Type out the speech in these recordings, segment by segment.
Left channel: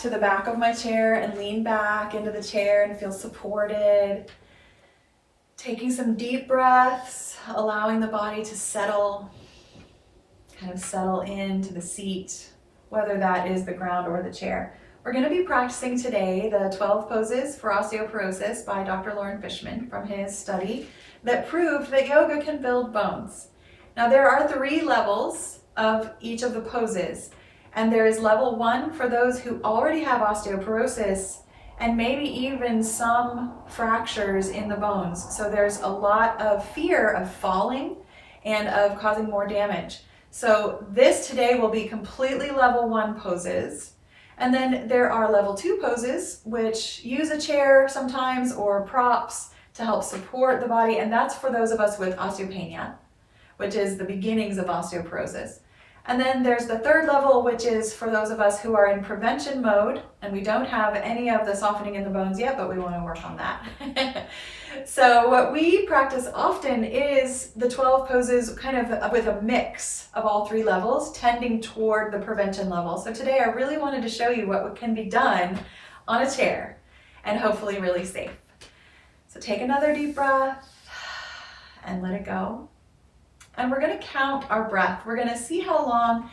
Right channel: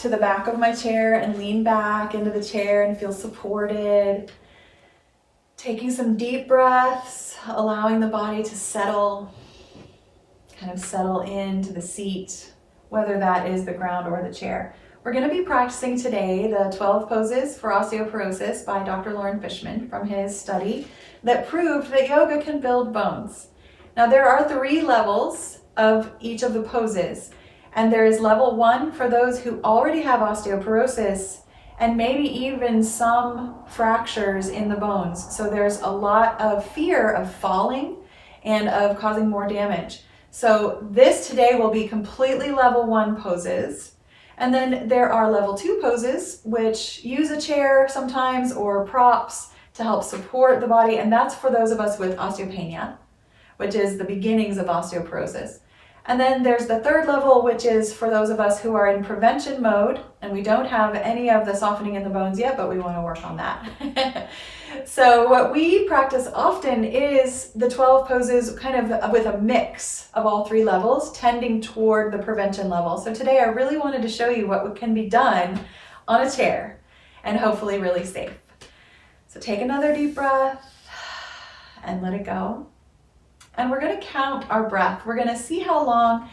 to the back of my chair and lean back into the chair and feel supported. Taking some deep breaths, allowing the body to settle, kind of settle into the seat, whether that is the ground or the chair. We're going to be practicing today the 12 poses for osteoporosis by Dr. Lauren Fishman from his study that proved that yoga can build bones. Now there are 3 levels of each of the poses, and there is level 1 for those who already have osteoporosis and maybe even some fractures in the bones. So there's a lot of fear of falling and of causing more damage. So this today will be completely level 1 poses. And then there are level 2 poses, which use a chair sometimes or props to help support the body. And that's for those of us with osteopenia, which is the beginnings of osteoporosis. And then there's the 3rd level, which is for those of us who are in prevention mode, and we don't have any of the softening in the bones yet, but we want to work on that. So what we practice often is the 12 poses kind of with a mix of all 3 levels, tending toward the prevention level. So today I really wanted to show you what can be done on a chair and hopefully really safe. So take another deep breath and let it go. And we're going to count our breath. We're going to see how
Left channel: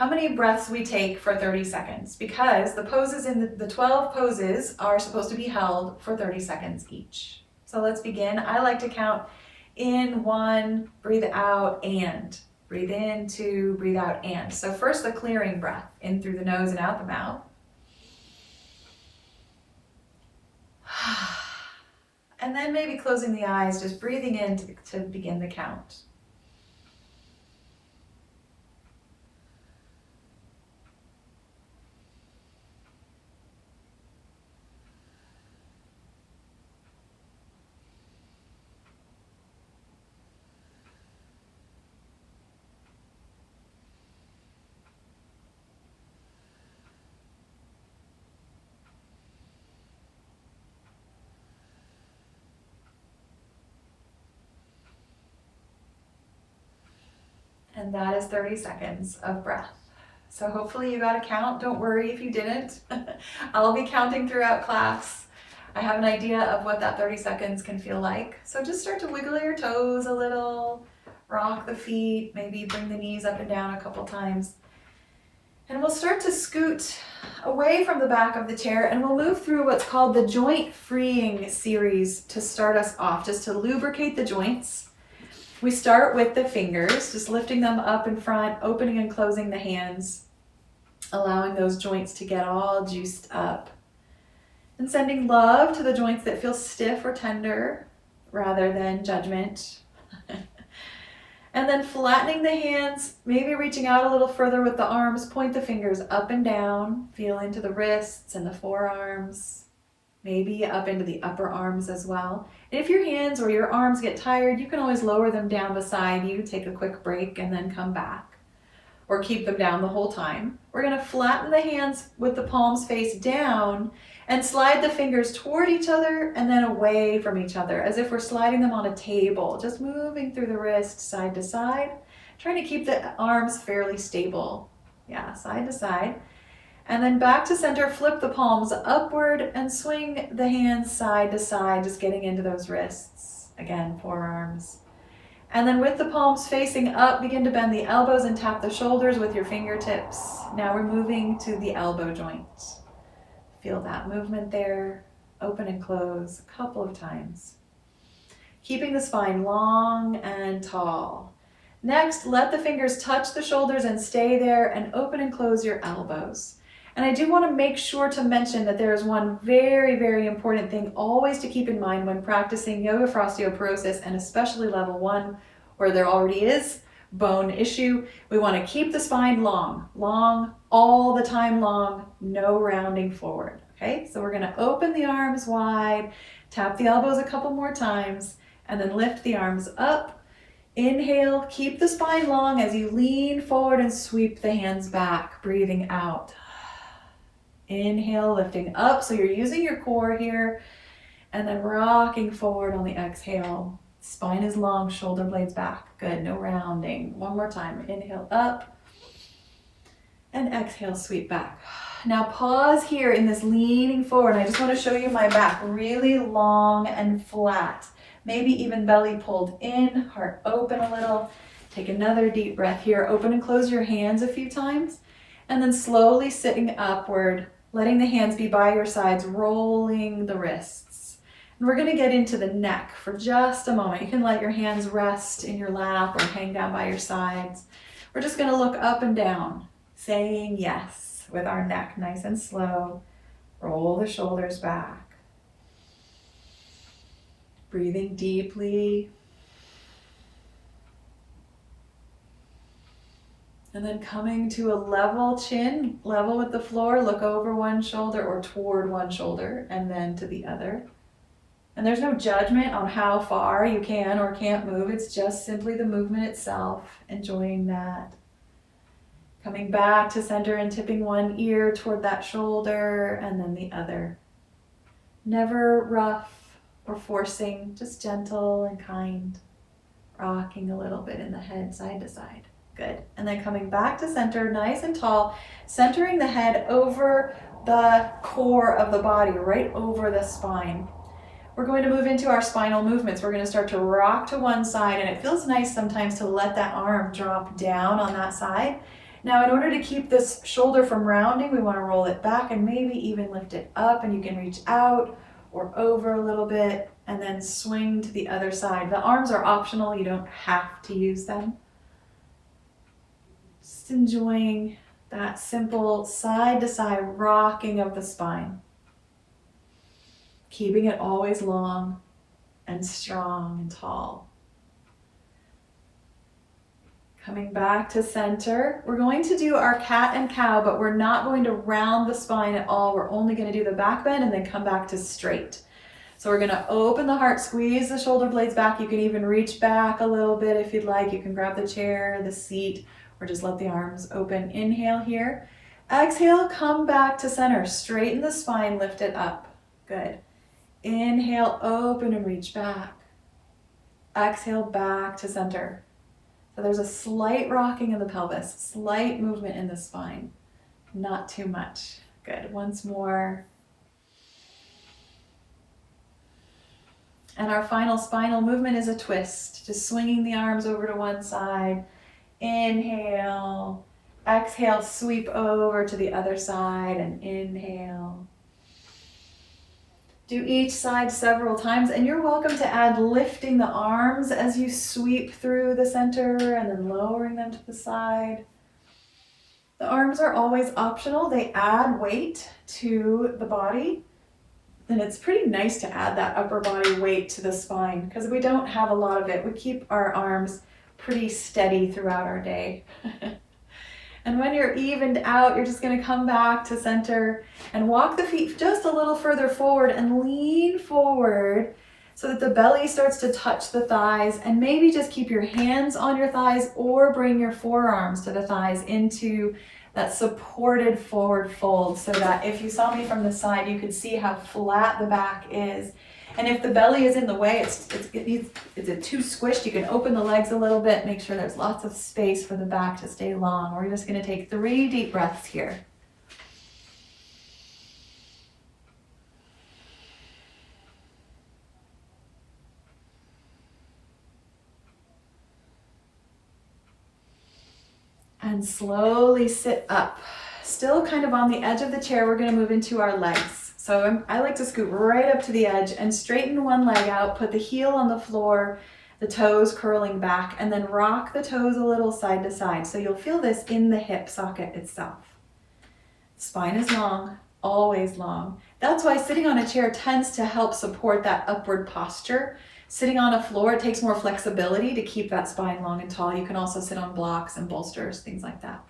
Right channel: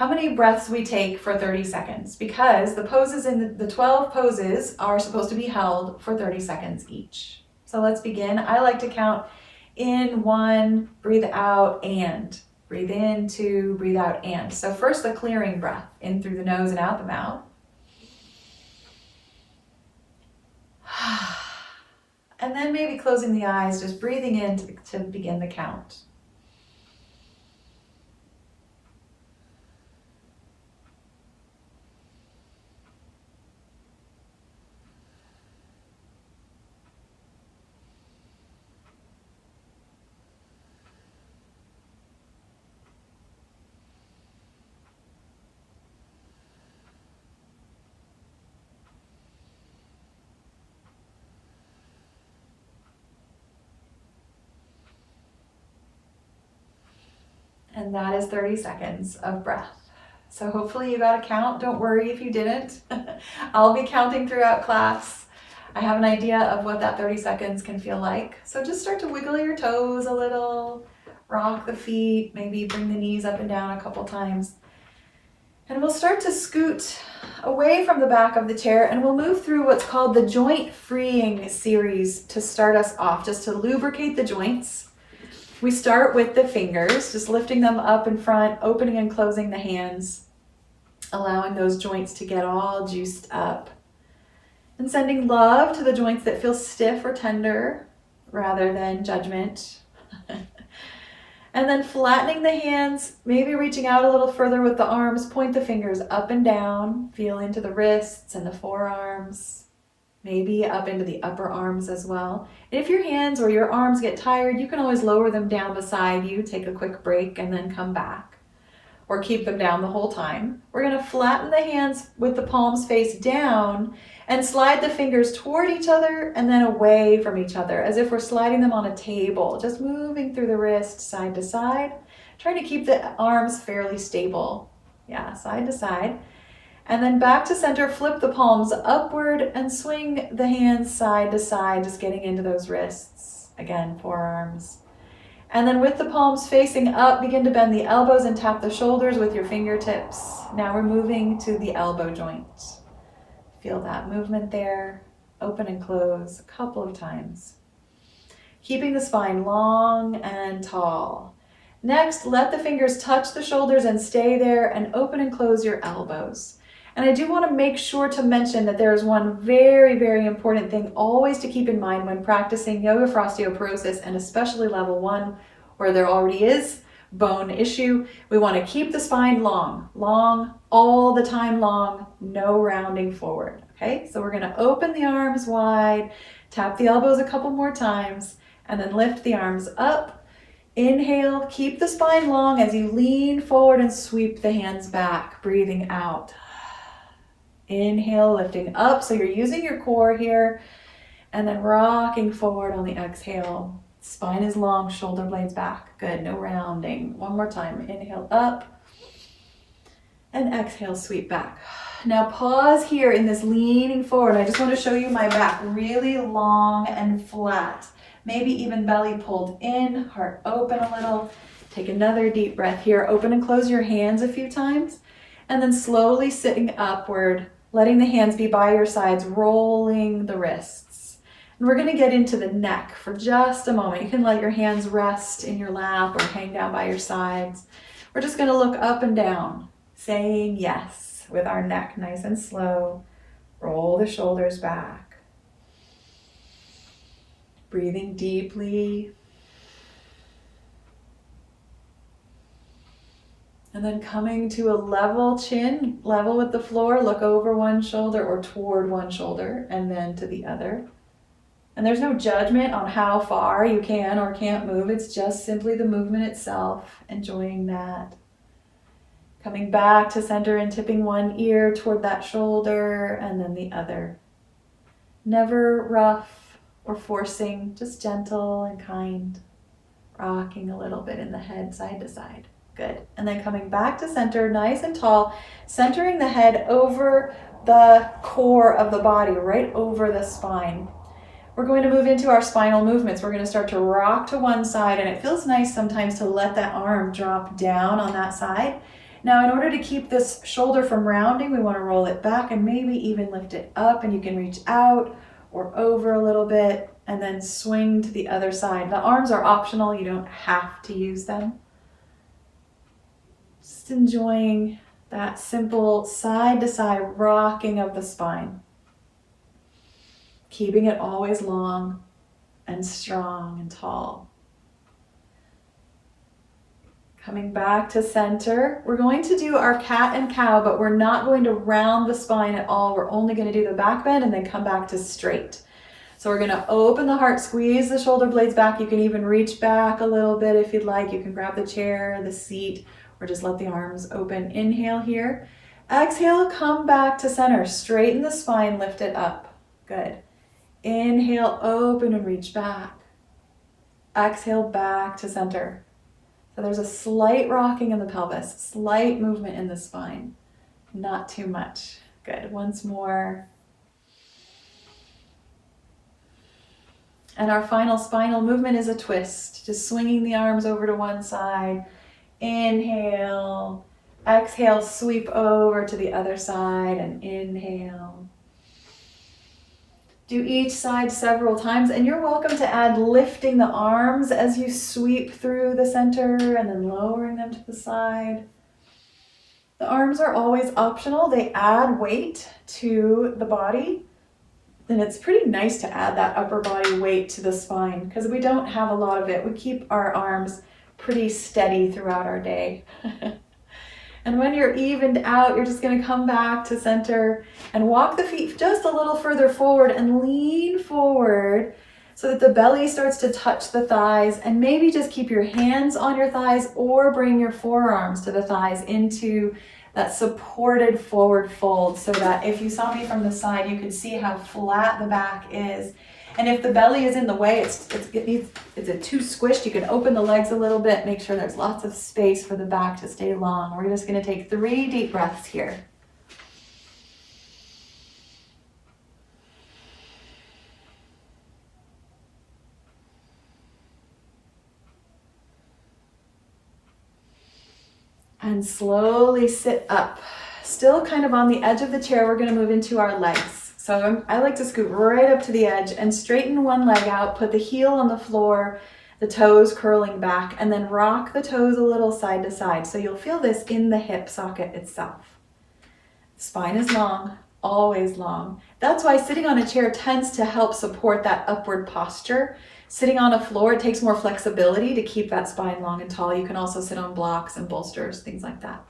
many breaths we take for 30 seconds, because the poses in the 12 poses are supposed to be held for 30 seconds each. So let's begin. I like to count in 1, breathe out, and breathe in, 2, breathe out, and. So first the clearing breath, in through the nose and out the mouth. And then maybe closing the eyes, just breathing in to begin the count. And that is 30 seconds of breath. So hopefully you got a count. Don't worry if you didn't. I'll be counting throughout class. I have an idea of what that 30 seconds can feel like. So just start to wiggle your toes a little, rock the feet, maybe bring the knees up and down a couple times. And we'll start to scoot away from the back of the chair, and we'll move through what's called the joint freeing series to start us off, just to lubricate the joints. We start with the fingers, just lifting them up in front, opening and closing the hands, allowing those joints to get all juiced up, and sending love to the joints that feel stiff or tender rather than judgment. And then flattening the hands, maybe reaching out a little further with the arms, point the fingers up and down, feel into the wrists and the forearms, maybe up into the upper arms as well. And if your hands or your arms get tired, you can always lower them down beside you, take a quick break, and then come back. Or keep them down the whole time. We're going to flatten the hands with the palms face down and slide the fingers toward each other and then away from each other, as if we're sliding them on a table, just moving through the wrist side to side, trying to keep the arms fairly stable. Yeah, side to side. And then back to center, flip the palms upward and swing the hands side to side, just getting into those wrists. Again, forearms. And then with the palms facing up, begin to bend the elbows and tap the shoulders with your fingertips. Now we're moving to the elbow joint. Feel that movement there. Open and close a couple of times. Keeping the spine long and tall. Next, let the fingers touch the shoulders and stay there, and open and close your elbows. And I do want to make sure to mention that there is one very, very important thing always to keep in mind when practicing yoga for osteoporosis, and especially level 1, where there already is bone issue. We want to keep the spine long, all the time long, no rounding forward. Okay, so we're going to open the arms wide, tap the elbows a couple more times, and then lift the arms up. Inhale, keep the spine long as you lean forward and sweep the hands back, breathing out. Inhale, lifting up, so you're using your core here, and then rocking forward on the exhale. Spine is long, shoulder blades back. Good, no rounding. One more time. Inhale up, And exhale, sweep back. Now pause here in this leaning forward. I just want to show you my back really long and flat. Maybe even belly pulled in, heart open a little. Take another deep breath here. Open and close your hands a few times. And then slowly sitting upward, letting the hands be by your sides, rolling the wrists. And we're going to get into the neck for just a moment. You can let your hands rest in your lap or hang down by your sides. We're just going to look up and down, saying yes with our neck nice and slow. Roll the shoulders back. Breathing deeply. And then coming to a level chin, level with the floor, look over one shoulder or toward one shoulder and then to the other. And there's no judgment on how far you can or can't move. It's just simply the movement itself, enjoying that. Coming back to center and tipping one ear toward that shoulder and then the other. Never rough or forcing, just gentle and kind. Rocking a little bit in the head side to side. Good. And then coming back to center, nice and tall, centering the head over the core of the body, right over the spine. We're going to move into our spinal movements. We're going to start to rock to one side, and it feels nice sometimes to let that arm drop down on that side. Now, in order to keep this shoulder from rounding, we want to roll it back and maybe even lift it up, and you can reach out or over a little bit and then swing to the other side. The arms are optional. You don't have to use them. Just enjoying that simple side to side rocking of the spine. Keeping it always long and strong and tall. Coming back to center, we're going to do our cat and cow, but we're not going to round the spine at all. We're only going to do the back bend and then come back to straight. So we're going to open the heart, squeeze the shoulder blades back. You can even reach back a little bit if you'd like. You can grab the chair, the seat, or just let the arms open. Inhale here. Exhale, come back to center. Straighten the spine, lift it up. Good. Inhale, open and reach back. Exhale, back to center. So there's a slight rocking in the pelvis, slight movement in the spine. Not too much. Good. Once more. And our final spinal movement is a twist, just swinging the arms over to one side. Inhale. Exhale, sweep over to the other side and inhale. Do each side several times, and you're welcome to add lifting the arms as you sweep through the center and then lowering them to the side. The arms are always optional. They add weight to the body, and it's pretty nice to add that upper body weight to the spine because we don't have a lot of it. We keep our arms pretty steady throughout our day. And when you're evened out, you're just going to come back to center and walk the feet just a little further forward and lean forward so that the belly starts to touch the thighs, and maybe just keep your hands on your thighs or bring your forearms to the thighs into that supported forward fold so that if you saw me from the side, you could see how flat the back is. And if the belly is in the way, it's too squished, you can open the legs a little bit, make sure there's lots of space for the back to stay long. We're just going to take 3 deep breaths here. And slowly sit up. Still kind of on the edge of the chair, we're going to move into our legs. So I like to scoot right up to the edge and straighten one leg out, put the heel on the floor, the toes curling back, and then rock the toes a little side to side. So you'll feel this in the hip socket itself. Spine is long, always long. That's why sitting on a chair tends to help support that upward posture. Sitting on a floor, it takes more flexibility to keep that spine long and tall. You can also sit on blocks and bolsters, things like that.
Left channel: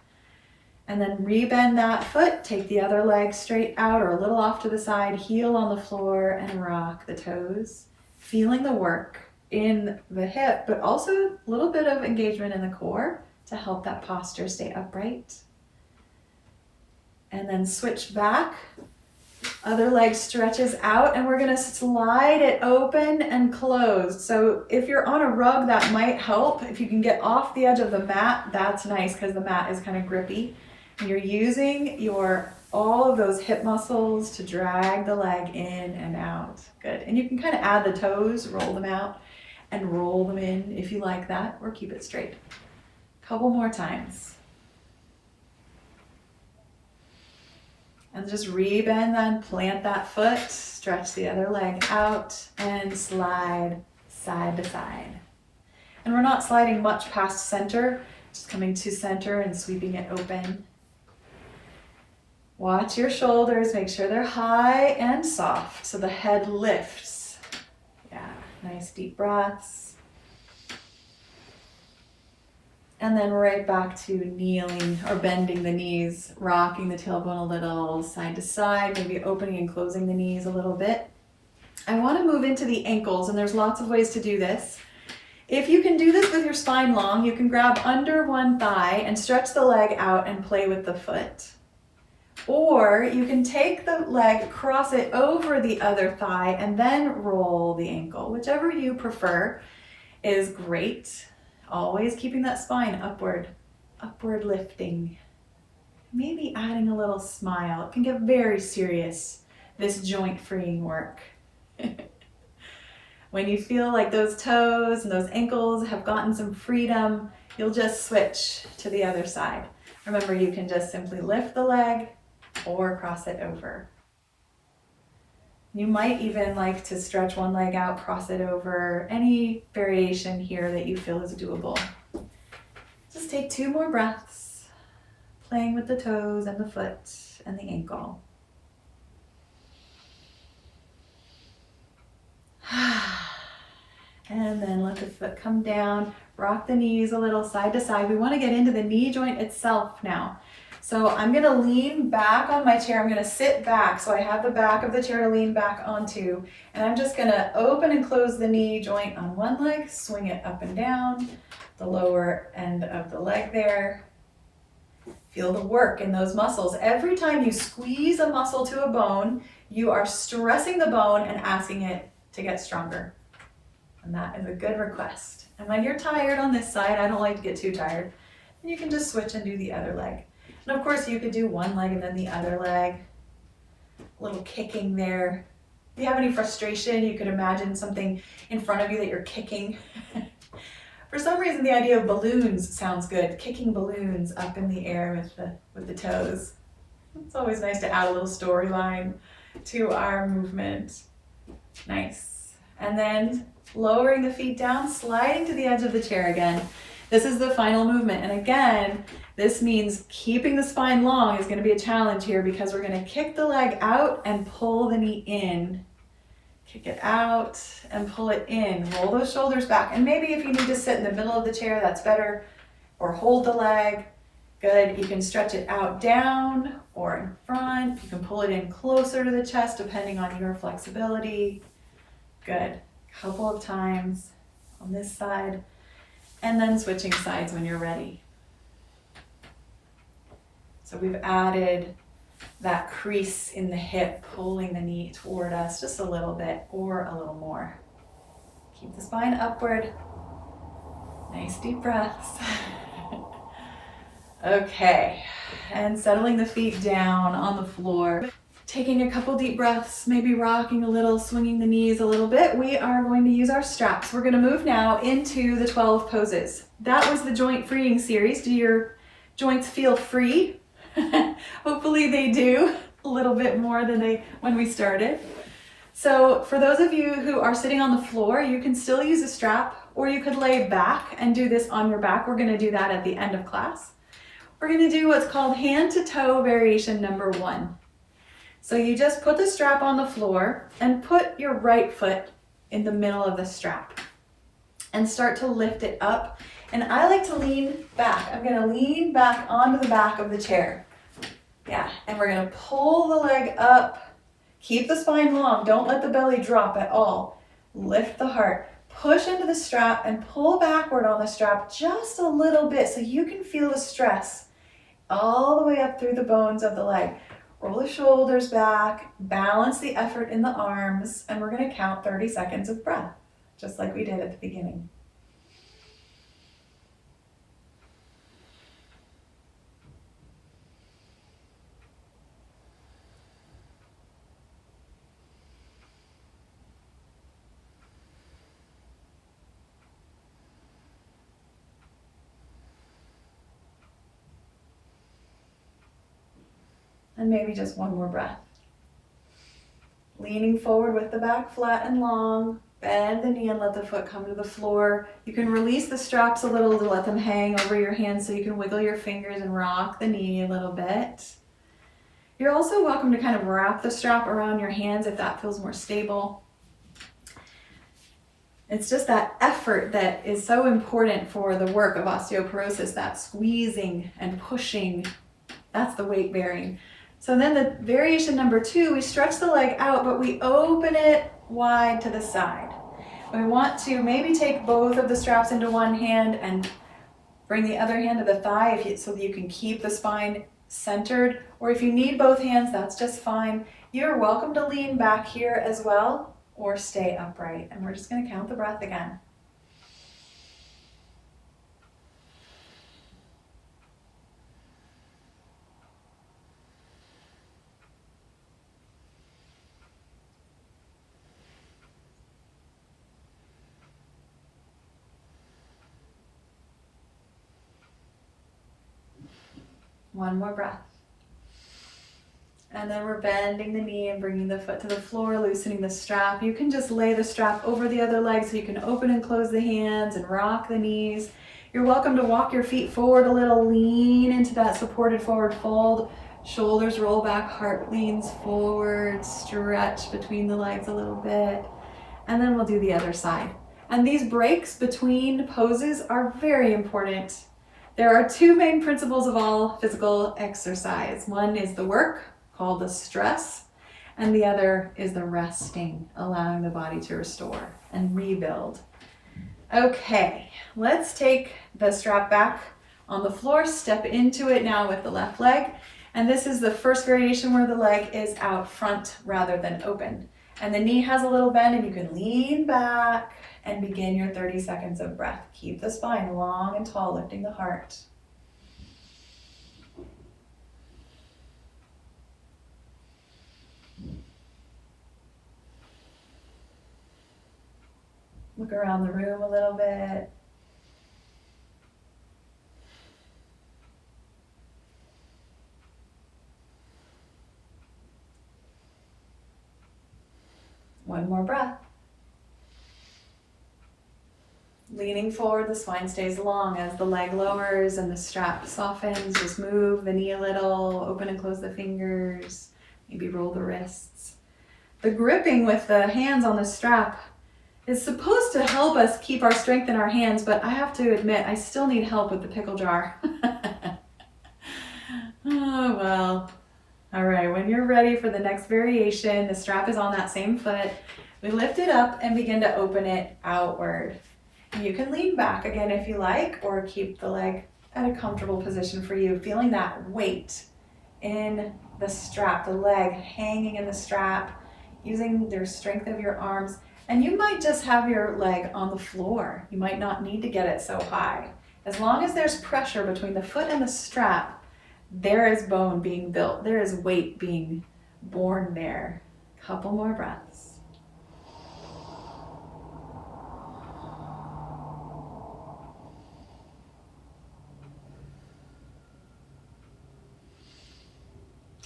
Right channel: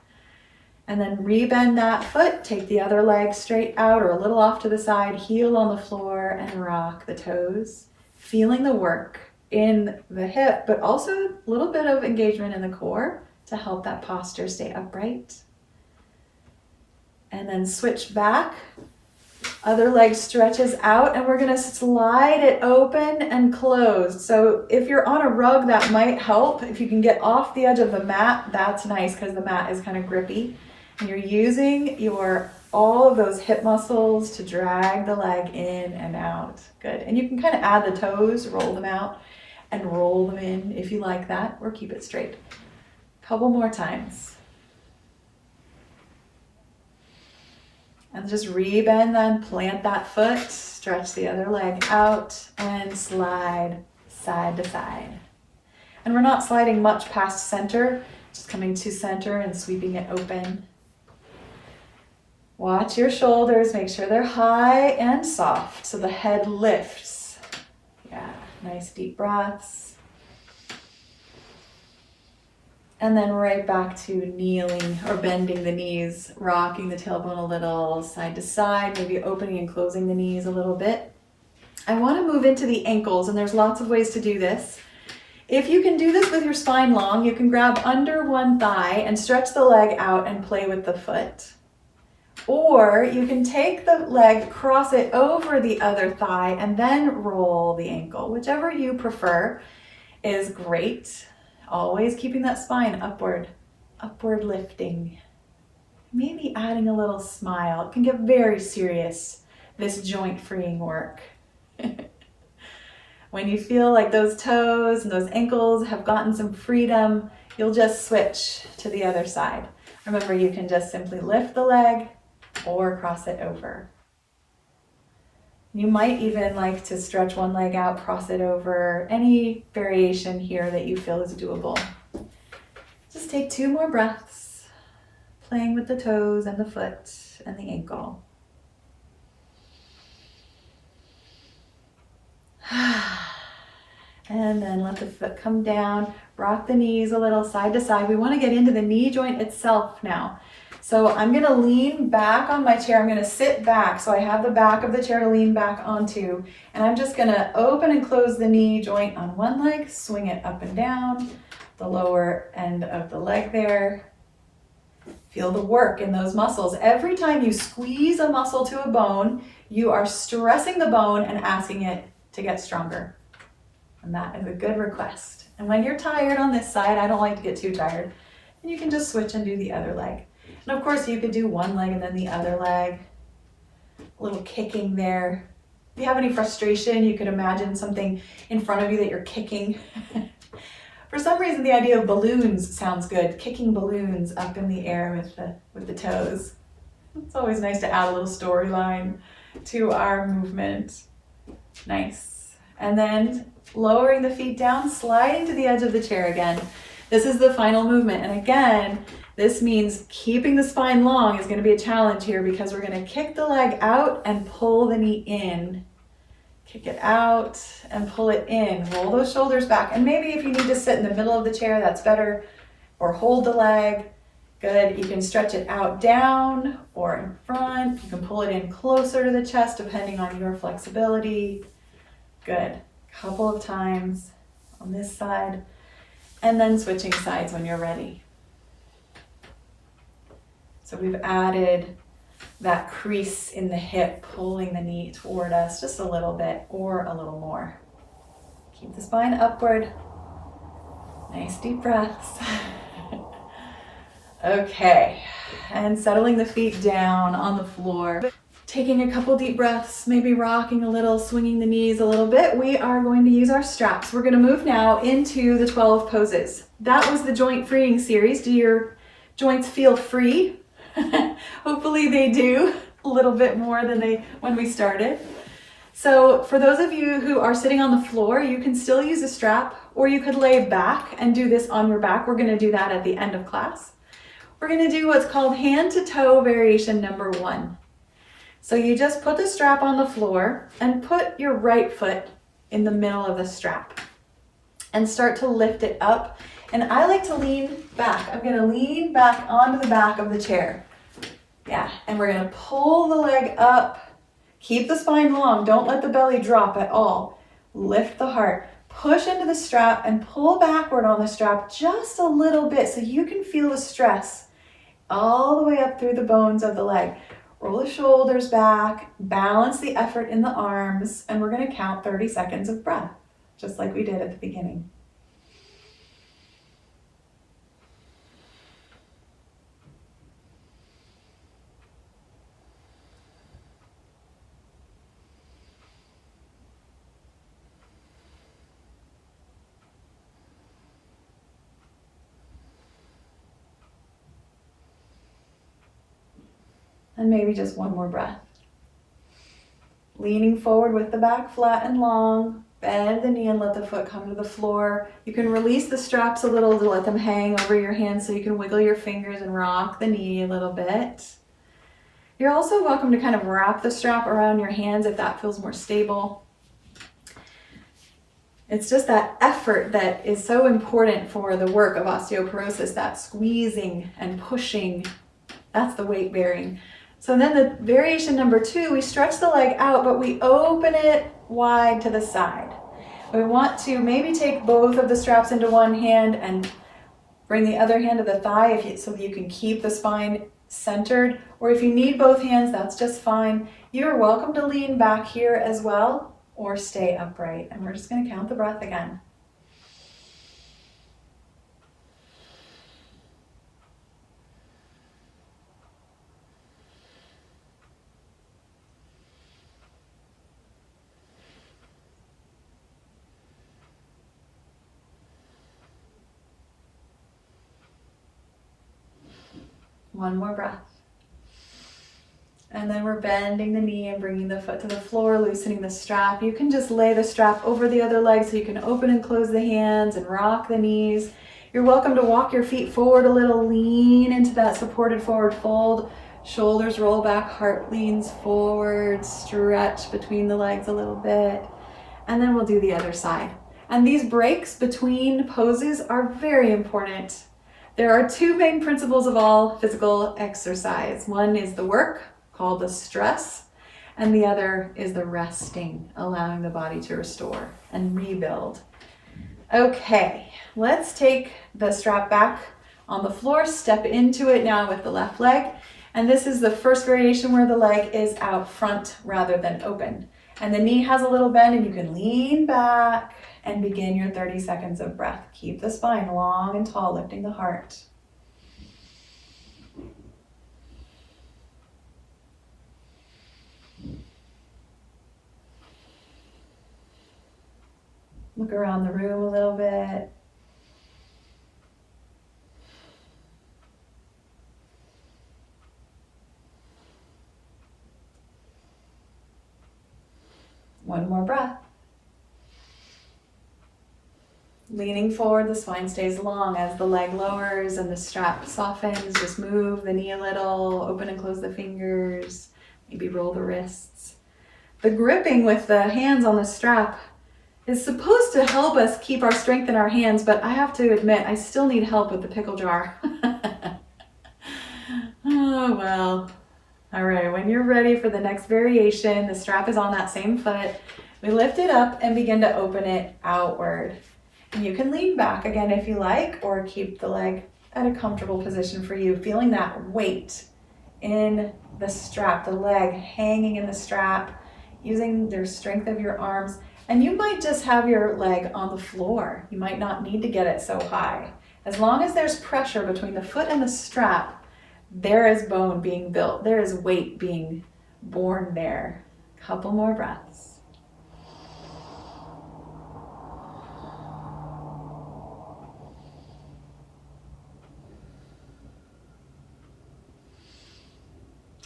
And then rebend that foot, take the other leg straight out or a little off to the side, heel on the floor and rock the toes. Feeling the work in the hip, but also a little bit of engagement in the core to help that posture stay upright. And then switch back. Other leg stretches out and we're going to slide it open and closed. So if you're on a rug, that might help. If you can get off the edge of the mat, that's nice because the mat is kind of grippy. And you're using all of those hip muscles to drag the leg in and out. Good. And you can kind of add the toes, roll them out and roll them in if you like that, or keep it straight. Couple more times. And just rebend, then plant that foot, stretch the other leg out and slide side to side. And we're not sliding much past center, just coming to center and sweeping it open. Watch your shoulders, make sure they're high and soft so the head lifts. Yeah, nice deep breaths. And then right back to kneeling or bending the knees, rocking the tailbone a little side to side, maybe opening and closing the knees a little bit. I want to move into the ankles, and there's lots of ways to do this. If you can do this with your spine long, you can grab under one thigh and stretch the leg out and play with the foot. Or you can take the leg, cross it over the other thigh, and then roll the ankle. Whichever you prefer is great. Always keeping that spine upward lifting. Maybe adding a little smile. It can get very serious, this joint freeing work. When you feel like those toes and those ankles have gotten some freedom, you'll just switch to the other side. Remember, you can just simply lift the leg or cross it over. You might even like to stretch one leg out, cross it over, any variation here that you feel is doable. Just take 2 more breaths, playing with the toes and the foot and the ankle. And then let the foot come down, rock the knees a little side to side. We want to get into the knee joint itself now. So I'm going to lean back on my chair. I'm going to sit back so I have the back of the chair to lean back onto. And I'm just going to open and close the knee joint on one leg, swing it up and down, the lower end of the leg there. Feel the work in those muscles. Every time you squeeze a muscle to a bone, you are stressing the bone and asking it to get stronger. And that is a good request. And when you're tired on this side, I don't like to get too tired, and you can just switch and do the other leg. And of course, you could do one leg and then the other leg. A little kicking there. If you have any frustration, you could imagine something in front of you that you're kicking. For some reason, the idea of balloons sounds good. Kicking balloons up in the air with the toes. It's always nice to add a little storyline to our movement. Nice. And then lowering the feet down, sliding to the edge of the chair again. This is the final movement. And again, this means keeping the spine long is going to be a challenge here because we're going to kick the leg out and pull the knee in. Kick it out and pull it in. Roll those shoulders back. And maybe if you need to sit in the middle of the chair, that's better. Or hold the leg. Good. You can stretch it out down or in front. You can pull it in closer to the chest depending on your flexibility. Good. Couple of times on this side. And then switching sides when you're ready. So we've added that crease in the hip, pulling the knee toward us just a little bit or a little more. Keep the spine upward. Nice deep breaths. Okay, and settling the feet down on the floor. Taking a couple deep breaths, maybe rocking a little, swinging the knees a little bit. We are going to use our straps. We're going to move now into the 12 poses. That was the joint freeing series. Do your joints feel free? Hopefully they do a little bit more than when we started. So for those of you who are sitting on the floor, you can still use a strap, or you could lay back and do this on your back. We're going to do that at the end of class. We're going to do what's called hand to toe variation number 1. So you just put the strap on the floor and put your right foot in the middle of the strap and start to lift it up. And I like to lean back. I'm going to lean back onto the back of the chair. Yeah, and we're going to pull the leg up. Keep the spine long. Don't let the belly drop at all. Lift the heart. Push into the strap and pull backward on the strap just a little bit so you can feel the stress all the way up through the bones of the leg. Roll the shoulders back, balance the effort in the arms, and we're going to count 30 seconds of breath, just like we did at the beginning. And maybe just one more breath. Leaning forward with the back flat and long. Bend the knee and let the foot come to the floor. You can release the straps a little to let them hang over your hands so you can wiggle your fingers and rock the knee a little bit. You're also welcome to kind of wrap the strap around your hands if that feels more stable. It's just that effort that is so important for the work of osteoporosis, that squeezing and pushing. That's the weight bearing. So then the variation number 2, we stretch the leg out, but we open it wide to the side. We want to maybe take both of the straps into one hand and bring the other hand to the thigh so that you can keep the spine centered. Or if you need both hands, that's just fine. You're welcome to lean back here as well or stay upright. And we're just going to count the breath again. One more breath. And then we're bending the knee and bringing the foot to the floor, loosening the strap. You can just lay the strap over the other leg so you can open and close the hands and rock the knees. You're welcome to walk your feet forward a little, lean into that supported forward fold. Shoulders roll back, heart leans forward, stretch between the legs a little bit. And then we'll do the other side. And these breaks between poses are very important. There are 2 main principles of all physical exercise. One is the work, called the stress, and the other is the resting, allowing the body to restore and rebuild. Okay, let's take the strap back on the floor, step into it now with the left leg. And this is the first variation where the leg is out front rather than open. And the knee has a little bend and you can lean back and begin your 30 seconds of breath. Keep the spine long and tall, lifting the heart. Look around the room a little bit. One more breath. Leaning forward, the spine stays long as the leg lowers and the strap softens. Just move the knee a little, open and close the fingers, maybe roll the wrists. The gripping with the hands on the strap is supposed to help us keep our strength in our hands, but I have to admit, I still need help with the pickle jar. Oh, well. All right, when you're ready for the next variation, the strap is on that same foot. We lift it up and begin to open it outward. And you can lean back again if you like, or keep the leg at a comfortable position for you, feeling that weight in the strap, the leg hanging in the strap, using the strength of your arms. And you might just have your leg on the floor. You might not need to get it so high. As long as there's pressure between the foot and the strap, there is bone being built. There is weight being born there. Couple more breaths.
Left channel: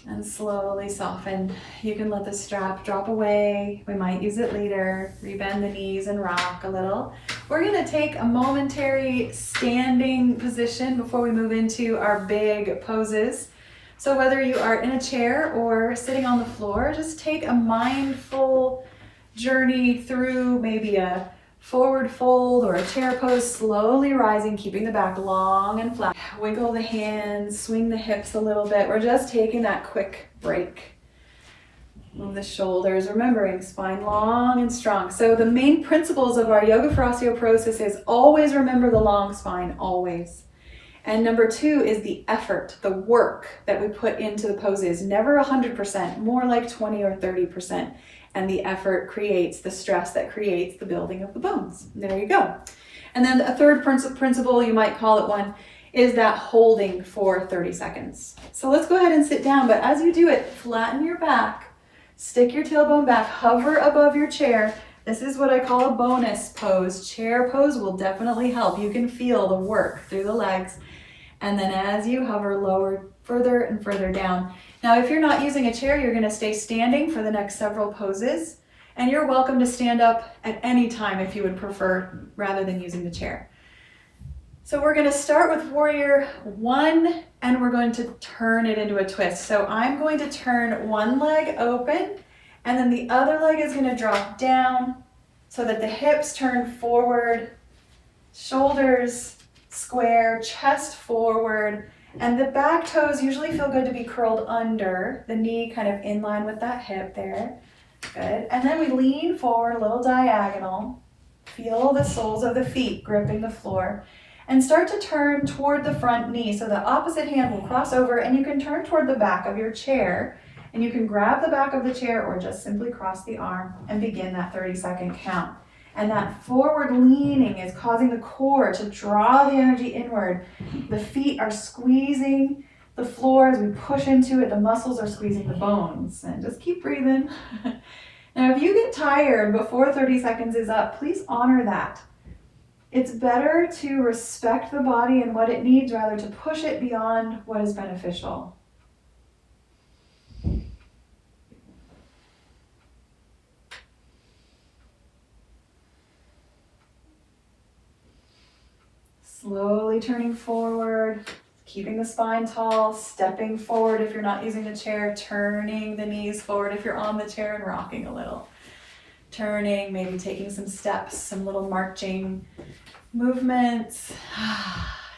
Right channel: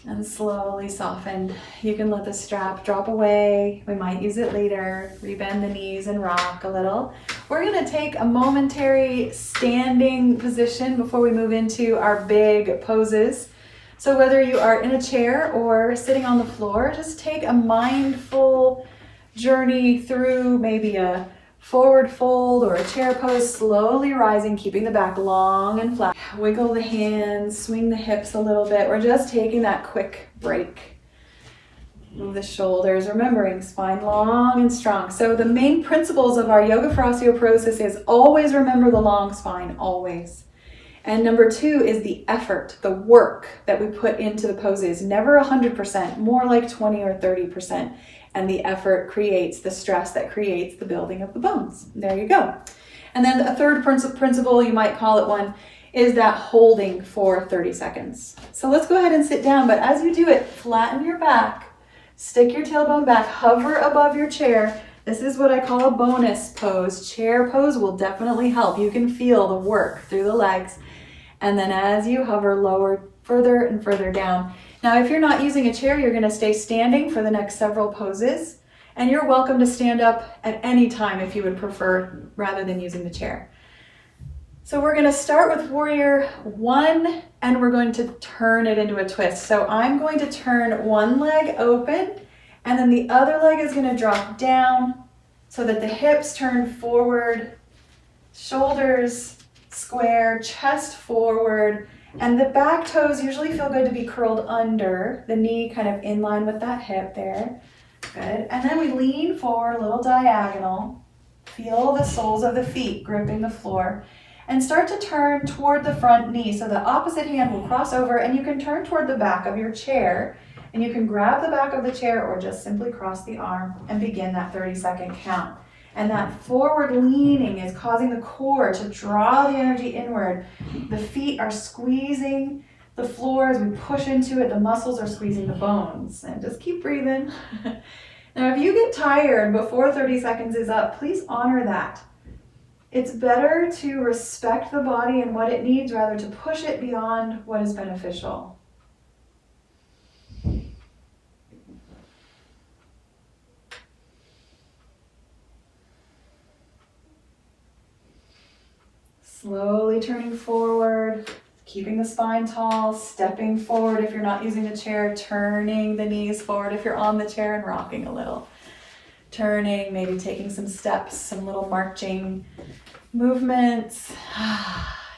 And slowly soften. You can let the strap drop away. We might use it later. Rebend the knees and rock a little. We're going to take a momentary standing position before we move into our big poses. So whether you are in a chair or sitting on the floor, just take a mindful journey through maybe a forward fold or a chair pose, slowly rising, keeping the back long and flat. Wiggle the hands, swing the hips a little bit. We're just taking that quick break. Move the shoulders, remembering spine long and strong. So the main principles of our yoga for osteoporosis is always remember the long spine, always. And number 2 is the effort, the work that we put into the poses. Never 100%, more like 20 or 30%. And the effort creates the stress that creates the building of the bones. There you go. And then a third principle, you might call it one, is that holding for 30 seconds. So let's go ahead and sit down, but as you do it, flatten your back, stick your tailbone back, hover above your chair. This is what I call a bonus pose. Chair pose will definitely help. You can feel the work through the legs. And then as you hover, lower further and further down. Now, if you're not using a chair, you're gonna stay standing for the next several poses, and you're welcome to stand up at any time if you would prefer, rather than using the chair. So we're gonna start with warrior one, and we're going to turn it into a twist. So I'm going to turn one leg open, and then the other leg is gonna drop down so that the hips turn forward, shoulders square, chest forward, and the back toes usually feel good to be curled under, the knee kind of in line with that hip there. Good. And then we lean forward, a little diagonal. Feel the soles of the feet gripping the floor. And start to turn toward the front knee. So the opposite hand will cross over, and you can turn toward the back of your chair. And you can grab the back of the chair or just simply cross the arm and begin that 30-second count. And that forward leaning is causing the core to draw the energy inward. The feet are squeezing the floor as we push into it. The muscles are squeezing the bones. And just keep breathing. Now, if you get tired before 30 seconds is up, please honor that. It's better to respect the body and what it needs rather to push it beyond what is beneficial. Slowly turning forward, keeping the spine tall, stepping forward if you're not using the chair, turning the knees forward if you're on the chair, and rocking a little. Turning, maybe taking some steps, some little marching movements.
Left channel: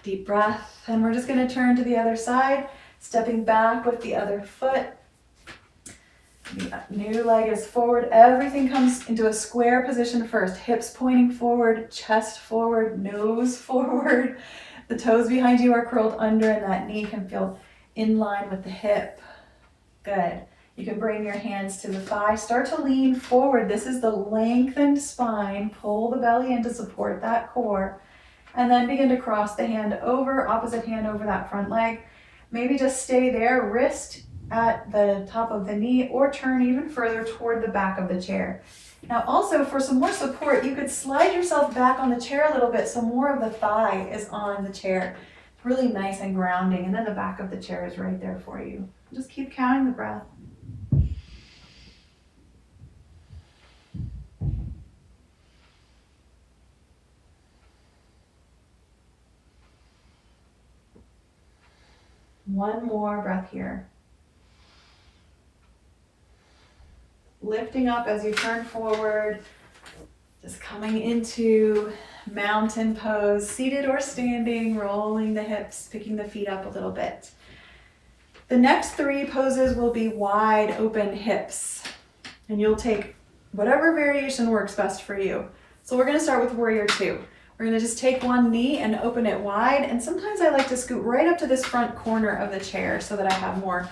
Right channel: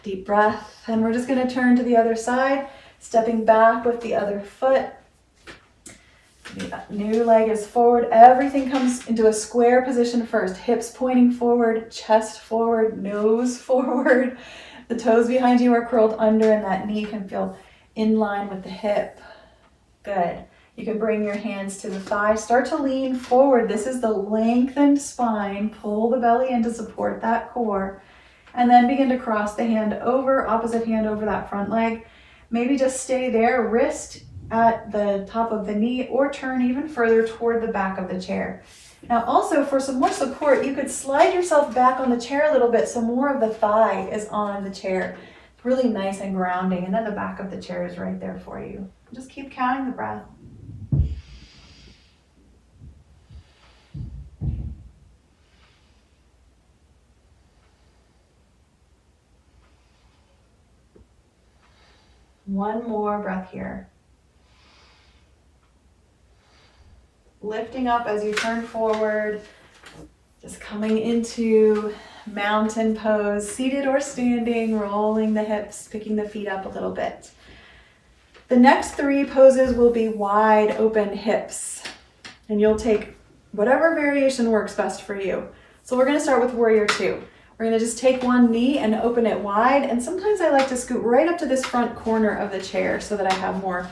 Deep breath. And we're just going to turn to the other side, stepping back with the other foot. The new leg is forward. Everything comes into a square position first. Hips pointing forward, chest forward, nose forward. The toes behind you are curled under, and that knee can feel in line with the hip. Good. You can bring your hands to the thigh. Start to lean forward. This is the lengthened spine. Pull the belly in to support that core. And then begin to cross the hand over, opposite hand over that front leg. Maybe just stay there, wrist at the top of the knee, or turn even further toward the back of the chair. Now also, for some more support, you could slide yourself back on the chair a little bit so more of the thigh is on the chair. It's really nice and grounding, and then the back of the chair is right there for you. Just keep counting the breath. One more breath here. Lifting up as you turn forward, just coming into mountain pose, seated or standing, rolling the hips, picking the feet up a little bit. The next three poses will be wide open hips, and you'll take whatever variation works best for you. So we're going to start with warrior two. We're going to just take one knee and open it wide, and sometimes I like to scoot right up to this front corner of the chair so that I have a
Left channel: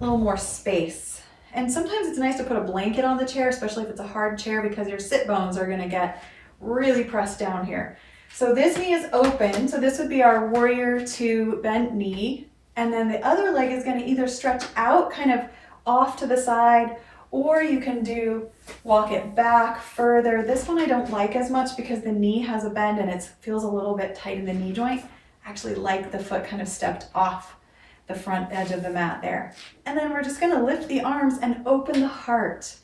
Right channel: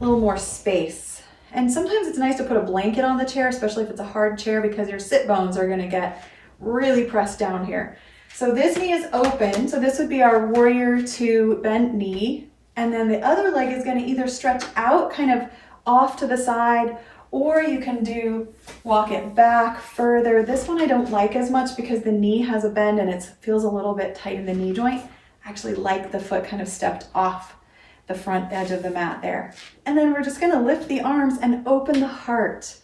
little more space. And sometimes it's nice to put a blanket on the chair, especially if it's a hard chair, because your sit bones are going to get really pressed down here. So this knee is open, so this would be our warrior two bent knee, and then the other leg is going to either stretch out kind of off to the side, or you can walk it back further. This one I don't like as much because the knee has a bend and it feels a little bit tight in the knee joint. I actually like the foot kind of stepped off the front edge of the mat there. And then we're just gonna lift the arms and open the heart.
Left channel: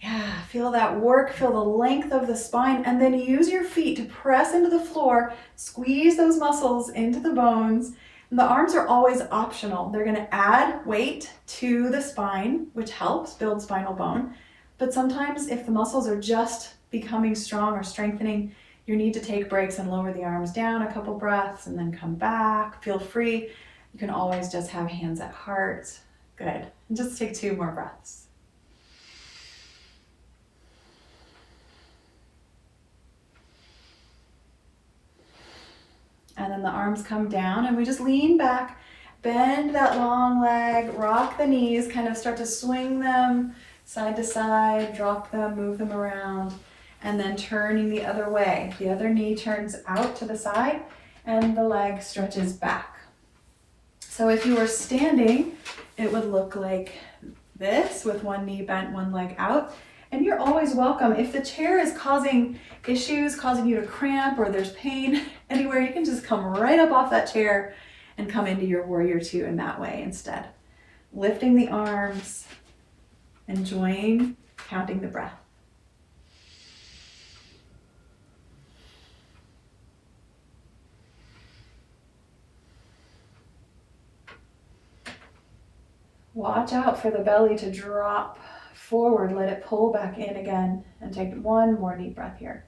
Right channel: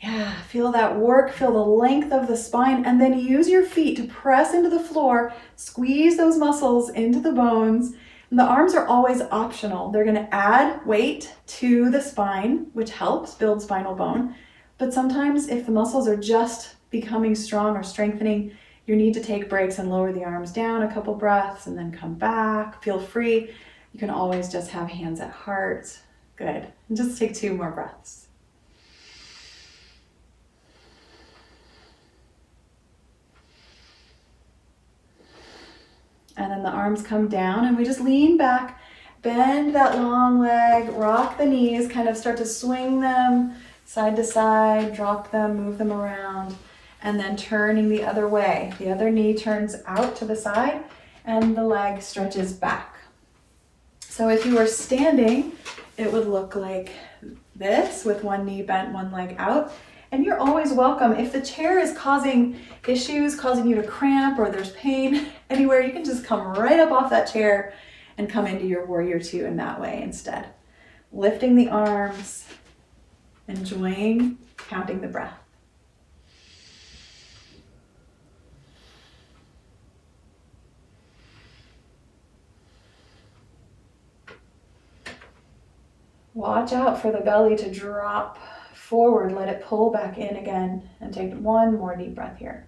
Yeah, feel that work, feel the length of the spine, and then use your feet to press into the floor, squeeze those muscles into the bones. And the arms are always optional. They're gonna add weight to the spine, which helps build spinal bone. But sometimes if the muscles are just becoming strong or strengthening, you need to take breaks and lower the arms down a couple breaths and then come back. Feel free. You can always just have hands at heart. Good. And just take 2 more breaths. And then the arms come down and we just lean back, bend that long leg, rock the knees, kind of start to swing them side to side, drop them, move them around, and then turning the other way. The other knee turns out to the side and the leg stretches back. So if you were standing, it would look like this with one knee bent, one leg out. And you're always welcome. If the chair is causing issues, causing you to cramp, or there's pain anywhere, you can just come right up off that chair and come into your warrior two in that way instead. lifting the arms, enjoying counting the breath. Watch out for the belly to drop forward. Let it pull back in again, and take one more deep breath here.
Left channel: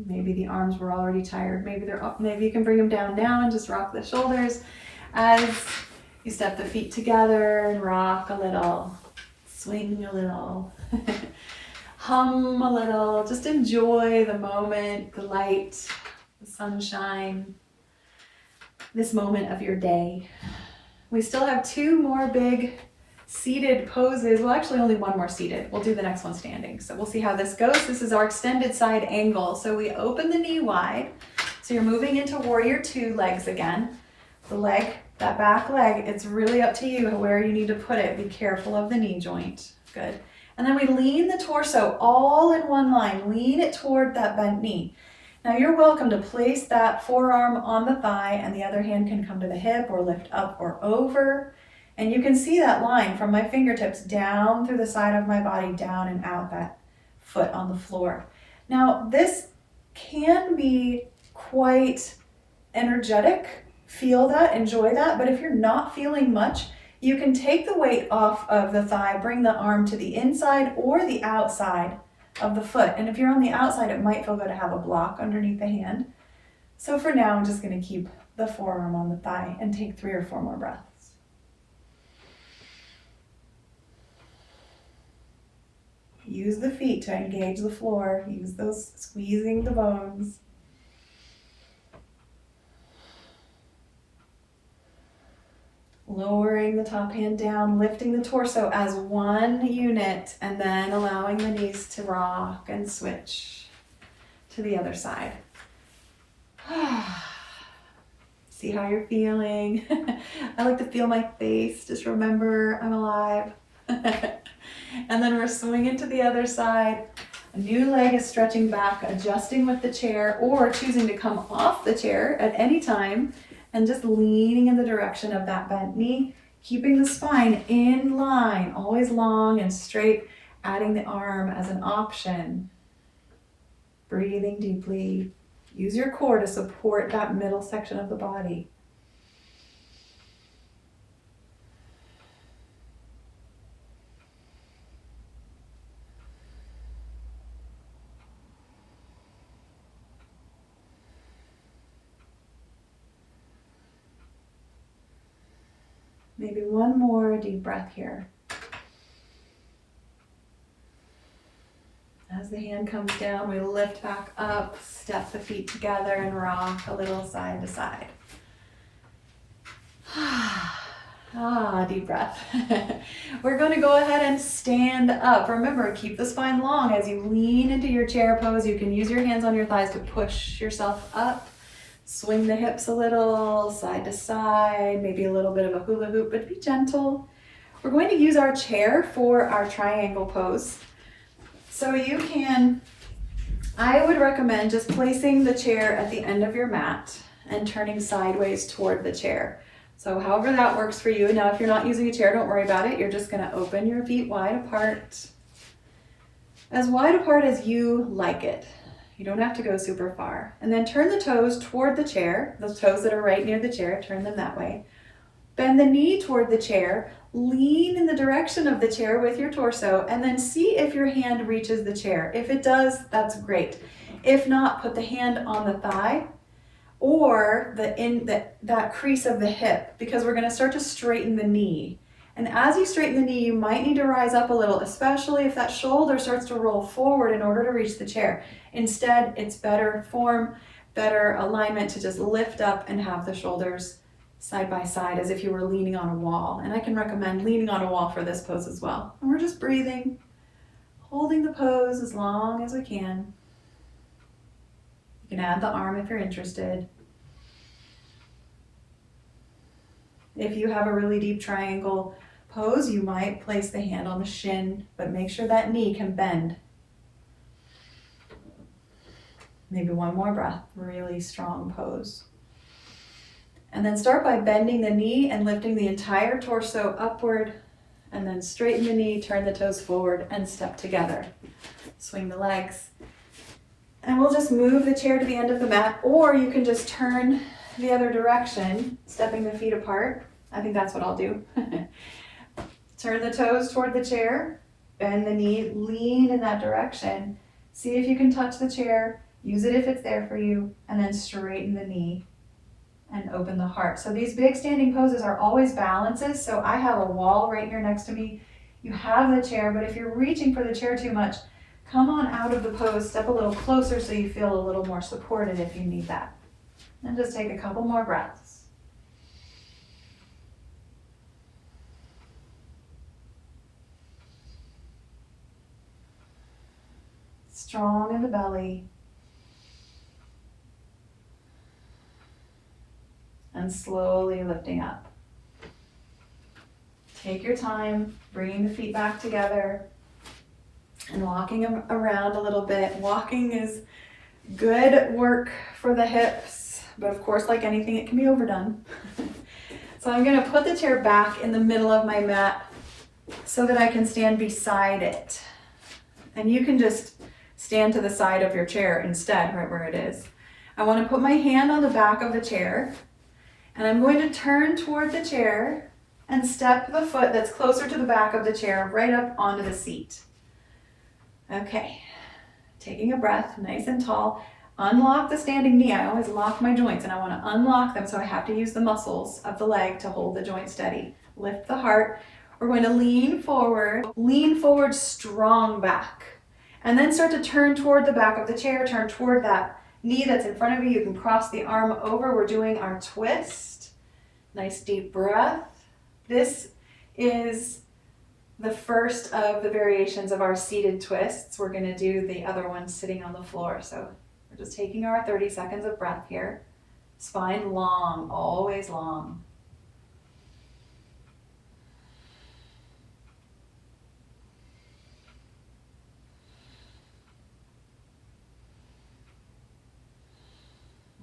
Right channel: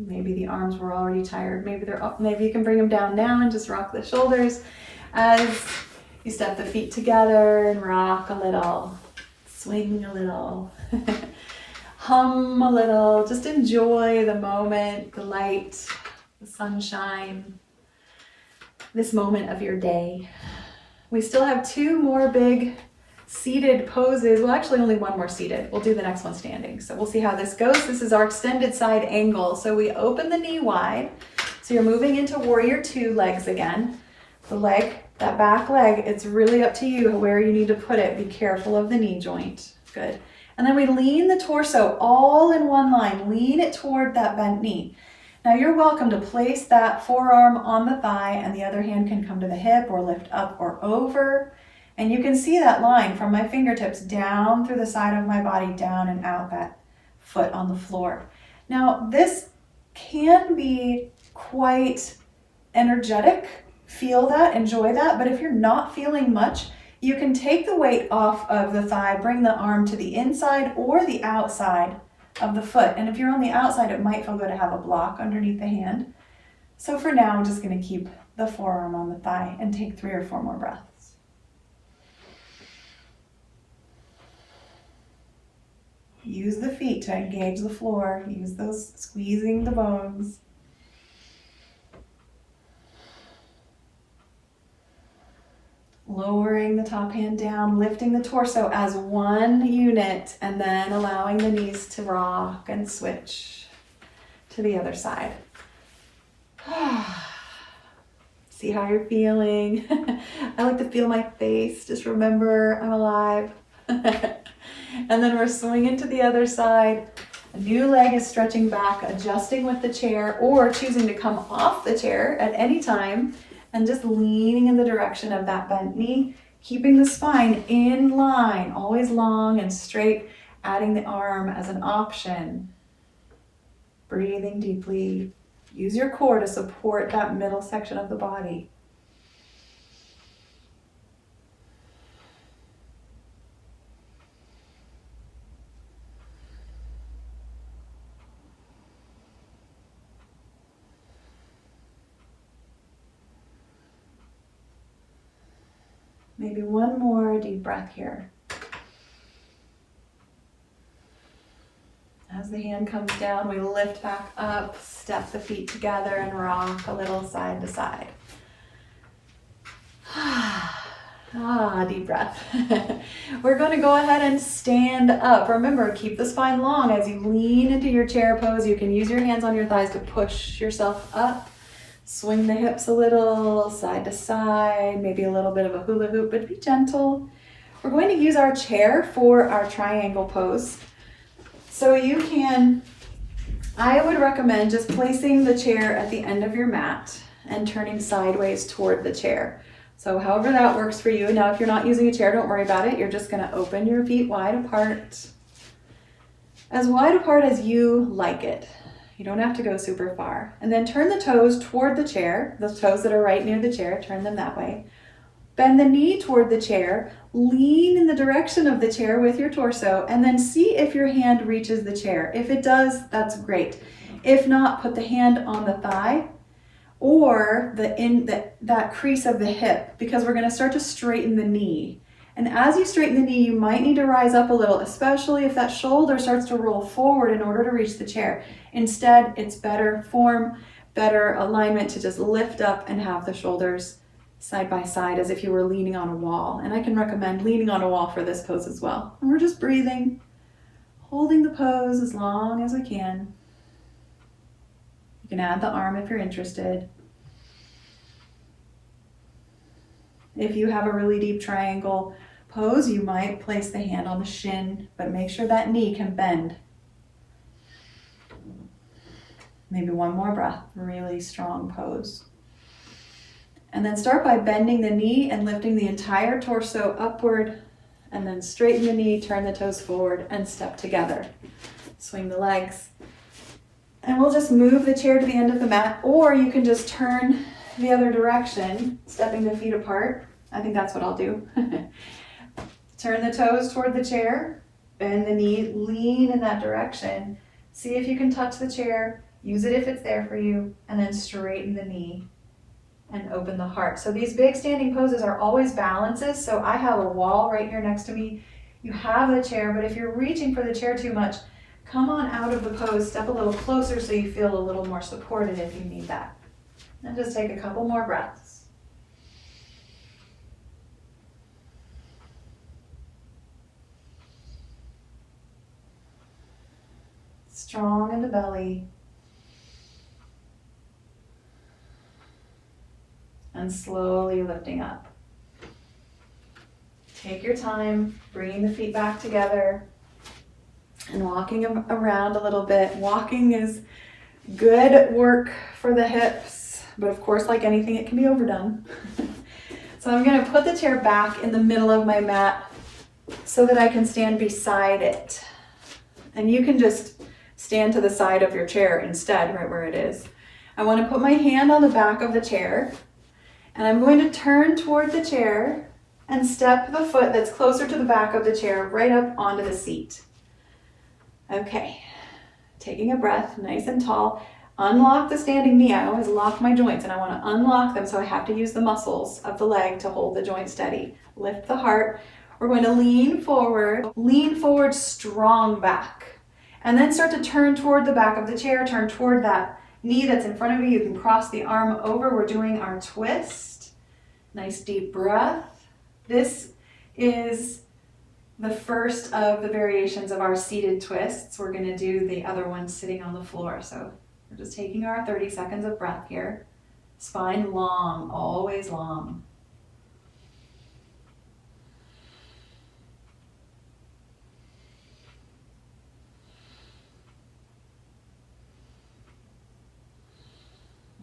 Maybe the arms were already tired. Maybe they're up. Maybe you can bring them down now and just rock the shoulders as you step the feet together and rock a little, swing a little, hum a little. Just enjoy the moment, the light, the sunshine, this moment of your day. We still have 2 more big seated poses. Well, actually only 1 more seated. We'll do the next one standing. So we'll see how this goes. This is our extended side angle. So we open the knee wide. So you're moving into warrior 2 legs again. The leg, that back leg, it's really up to you where you need to put it. Be careful of the knee joint. Good. And then we lean the torso all in one line. Lean it toward that bent knee. Now you're welcome to place that forearm on the thigh, and the other hand can come to the hip or lift up or over. And you can see that line from my fingertips down through the side of my body, down and out that foot on the floor. Now this can be quite energetic. Feel that, enjoy that. But if you're not feeling much, you can take the weight off of the thigh, bring the arm to the inside or the outside of the foot. And if you're on the outside, it might feel good to have a block underneath the hand. So for now, I'm just going to keep the forearm on the thigh and take 3 or 4 more breaths. Use the feet to engage the floor. Use those squeezing the bones. Lowering the top hand down, lifting the torso as one unit, and then allowing the knees to rock and switch to the other side. See how you're feeling. I like to feel my face. Just remember I'm alive. And then we're swinging to the other side. A new leg is stretching back, adjusting with the chair, or choosing to come off the chair at any time and just leaning in the direction of that bent knee, keeping the spine in line, always long and straight, adding the arm as an option. Breathing deeply. Use your core to support that middle section of the body. Maybe 1 more deep breath here. As the hand comes down, we lift back up, step the feet together, and rock a little side to side. Deep breath. We're going to go ahead and stand up. Remember, keep the spine long as you lean into your chair pose. You can use your hands on your thighs to push yourself up. Swing the hips a little, side to side, maybe a little bit of a hula hoop, but be gentle. We're going to use our chair for our triangle pose. So you can, I would recommend just placing the chair at the end of your mat and turning sideways toward the chair. So however that works for you. Now, if you're not using a chair, don't worry about it. You're just going to open your feet wide apart. As wide apart as you like it. You don't have to go super far. And then turn the toes toward the chair. Those toes that are right near the chair, turn them that way. Bend the knee toward the chair. Lean in the direction of the chair with your torso, and then see if your hand reaches the chair. If it does, that's great. If not, put the hand on the thigh or that crease of the hip, because we're going to start to straighten the knee. And as you straighten the knee, you might need to rise up a little, especially if that shoulder starts to roll forward in order to reach the chair. Instead, it's better form, better alignment to just lift up and have the shoulders side by side as if you were leaning on a wall. And I can recommend leaning on a wall for this pose as well. And we're just breathing, holding the pose as long as we can. You can add the arm if you're interested. If you have a really deep triangle pose, you might place the hand on the shin, but make sure that knee can bend. Maybe one more breath, really strong pose. And then start by bending the knee and lifting the entire torso upward, and then straighten the knee, turn the toes forward, and step together. Swing the legs. And we'll just move the chair to the end of the mat, or you can just turn the other direction, stepping the feet apart. I think that's what I'll do. Turn the toes toward the chair, bend the knee, lean in that direction. See if you can touch the chair, use it if it's there for you, and then straighten the knee and open the heart. So these big standing poses are always balances. So I have a wall right here next to me. You have the chair, but if you're reaching for the chair too much, come on out of the pose, step a little closer so you feel a little more supported if you need that. And just take a couple more breaths. Strong in the belly. And slowly lifting up. Take your time, bringing the feet back together and walking around a little bit. Walking is good work for the hips, but of course, like anything, it can be overdone. So I'm going to put the chair back in the middle of my mat so that I can stand beside it. And you can just stand to the side of your chair instead, right where it is. I want to put my hand on the back of the chair, and I'm going to turn toward the chair and step the foot that's closer to the back of the chair right up onto the seat. Okay, taking a breath, nice and tall. Unlock the standing knee. I always lock my joints, and I want to unlock them, so I have to use the muscles of the leg to hold the joint steady. Lift the heart. We're going to lean forward, strong back. And then start to turn toward the back of the chair, turn toward that knee that's in front of you. You can cross the arm over. We're doing our twist. Nice deep breath. This is the first of the variations of our seated twists. We're going to do the other one sitting on the floor. So we're just taking our 30 seconds of breath here. Spine long, always long.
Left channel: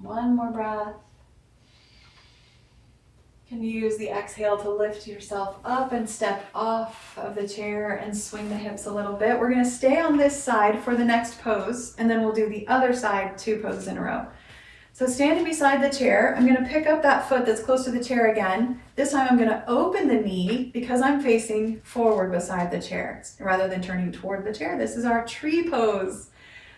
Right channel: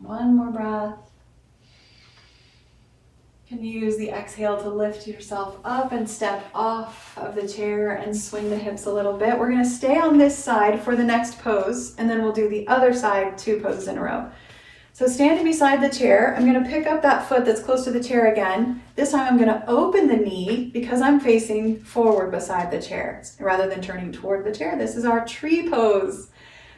One more breath. You can use the exhale to lift yourself up and step off of the chair and swing the hips a little bit. We're going to stay on this side for the next pose, and then we'll do the other side 2 poses in a row. So standing beside the chair, I'm going to pick up that foot that's close to the chair again. This time I'm going to open the knee because I'm facing forward beside the chair rather than turning toward the chair. This is our tree pose.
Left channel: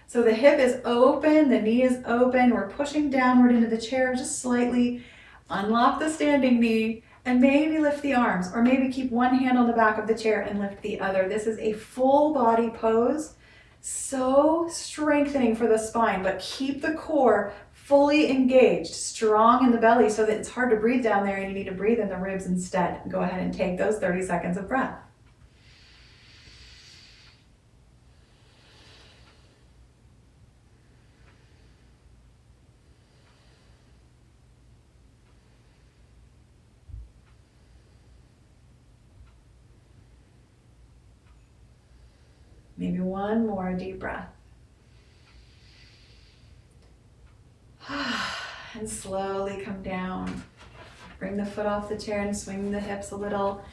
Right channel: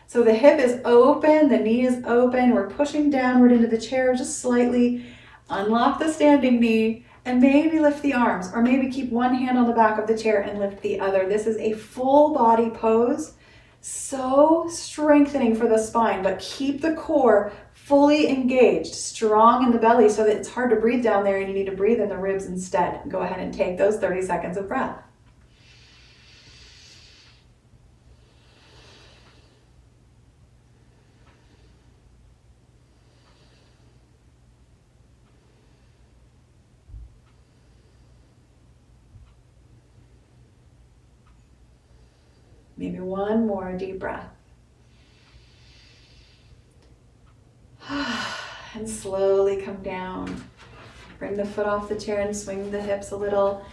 So the hip is open, the knee is open. We're pushing downward into the chair just slightly. Unlock the standing knee and maybe lift the arms, or maybe keep one hand on the back of the chair and lift the other. This is a full body pose, so strengthening for the spine, but keep the core fully engaged, strong in the belly so that it's hard to breathe down there and you need to breathe in the ribs instead. Go ahead and take those 30 seconds of breath. Maybe one more deep breath. And slowly come down. Bring the foot off the chair and swing the hips a little.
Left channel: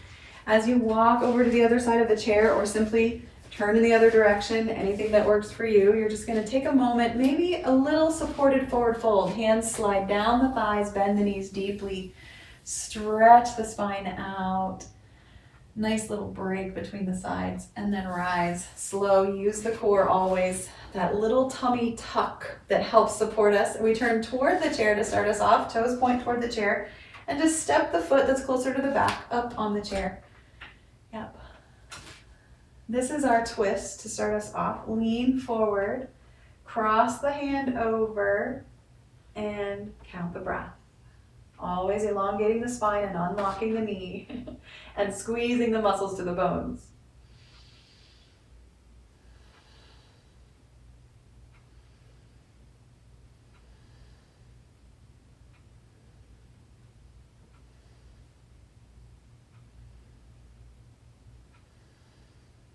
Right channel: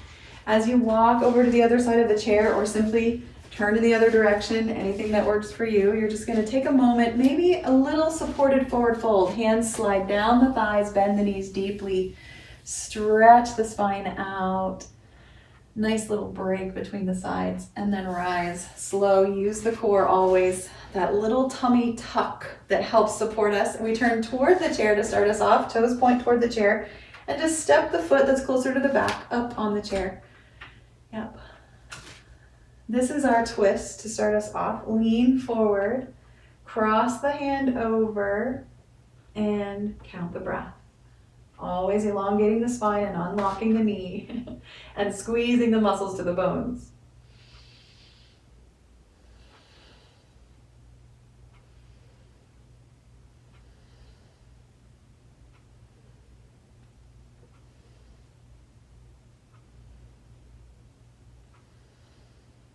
As you walk over to the other side of the chair, or simply turn to the other direction, anything that works for you, you're just going to take a moment, maybe a little supported forward fold. Hands slide down the thighs, bend the knees deeply, stretch the spine out. Nice little break between the sides, and then rise slow. Use the core always, that little tummy tuck that helps support us. We turn toward the chair to start us off, toes point toward the chair, and just step the foot that's closer to the back up on the chair. Yep. This is our twist to start us off. Lean forward, cross the hand over, and count the breath. Always elongating the spine and unlocking the knee and squeezing the muscles to the bones.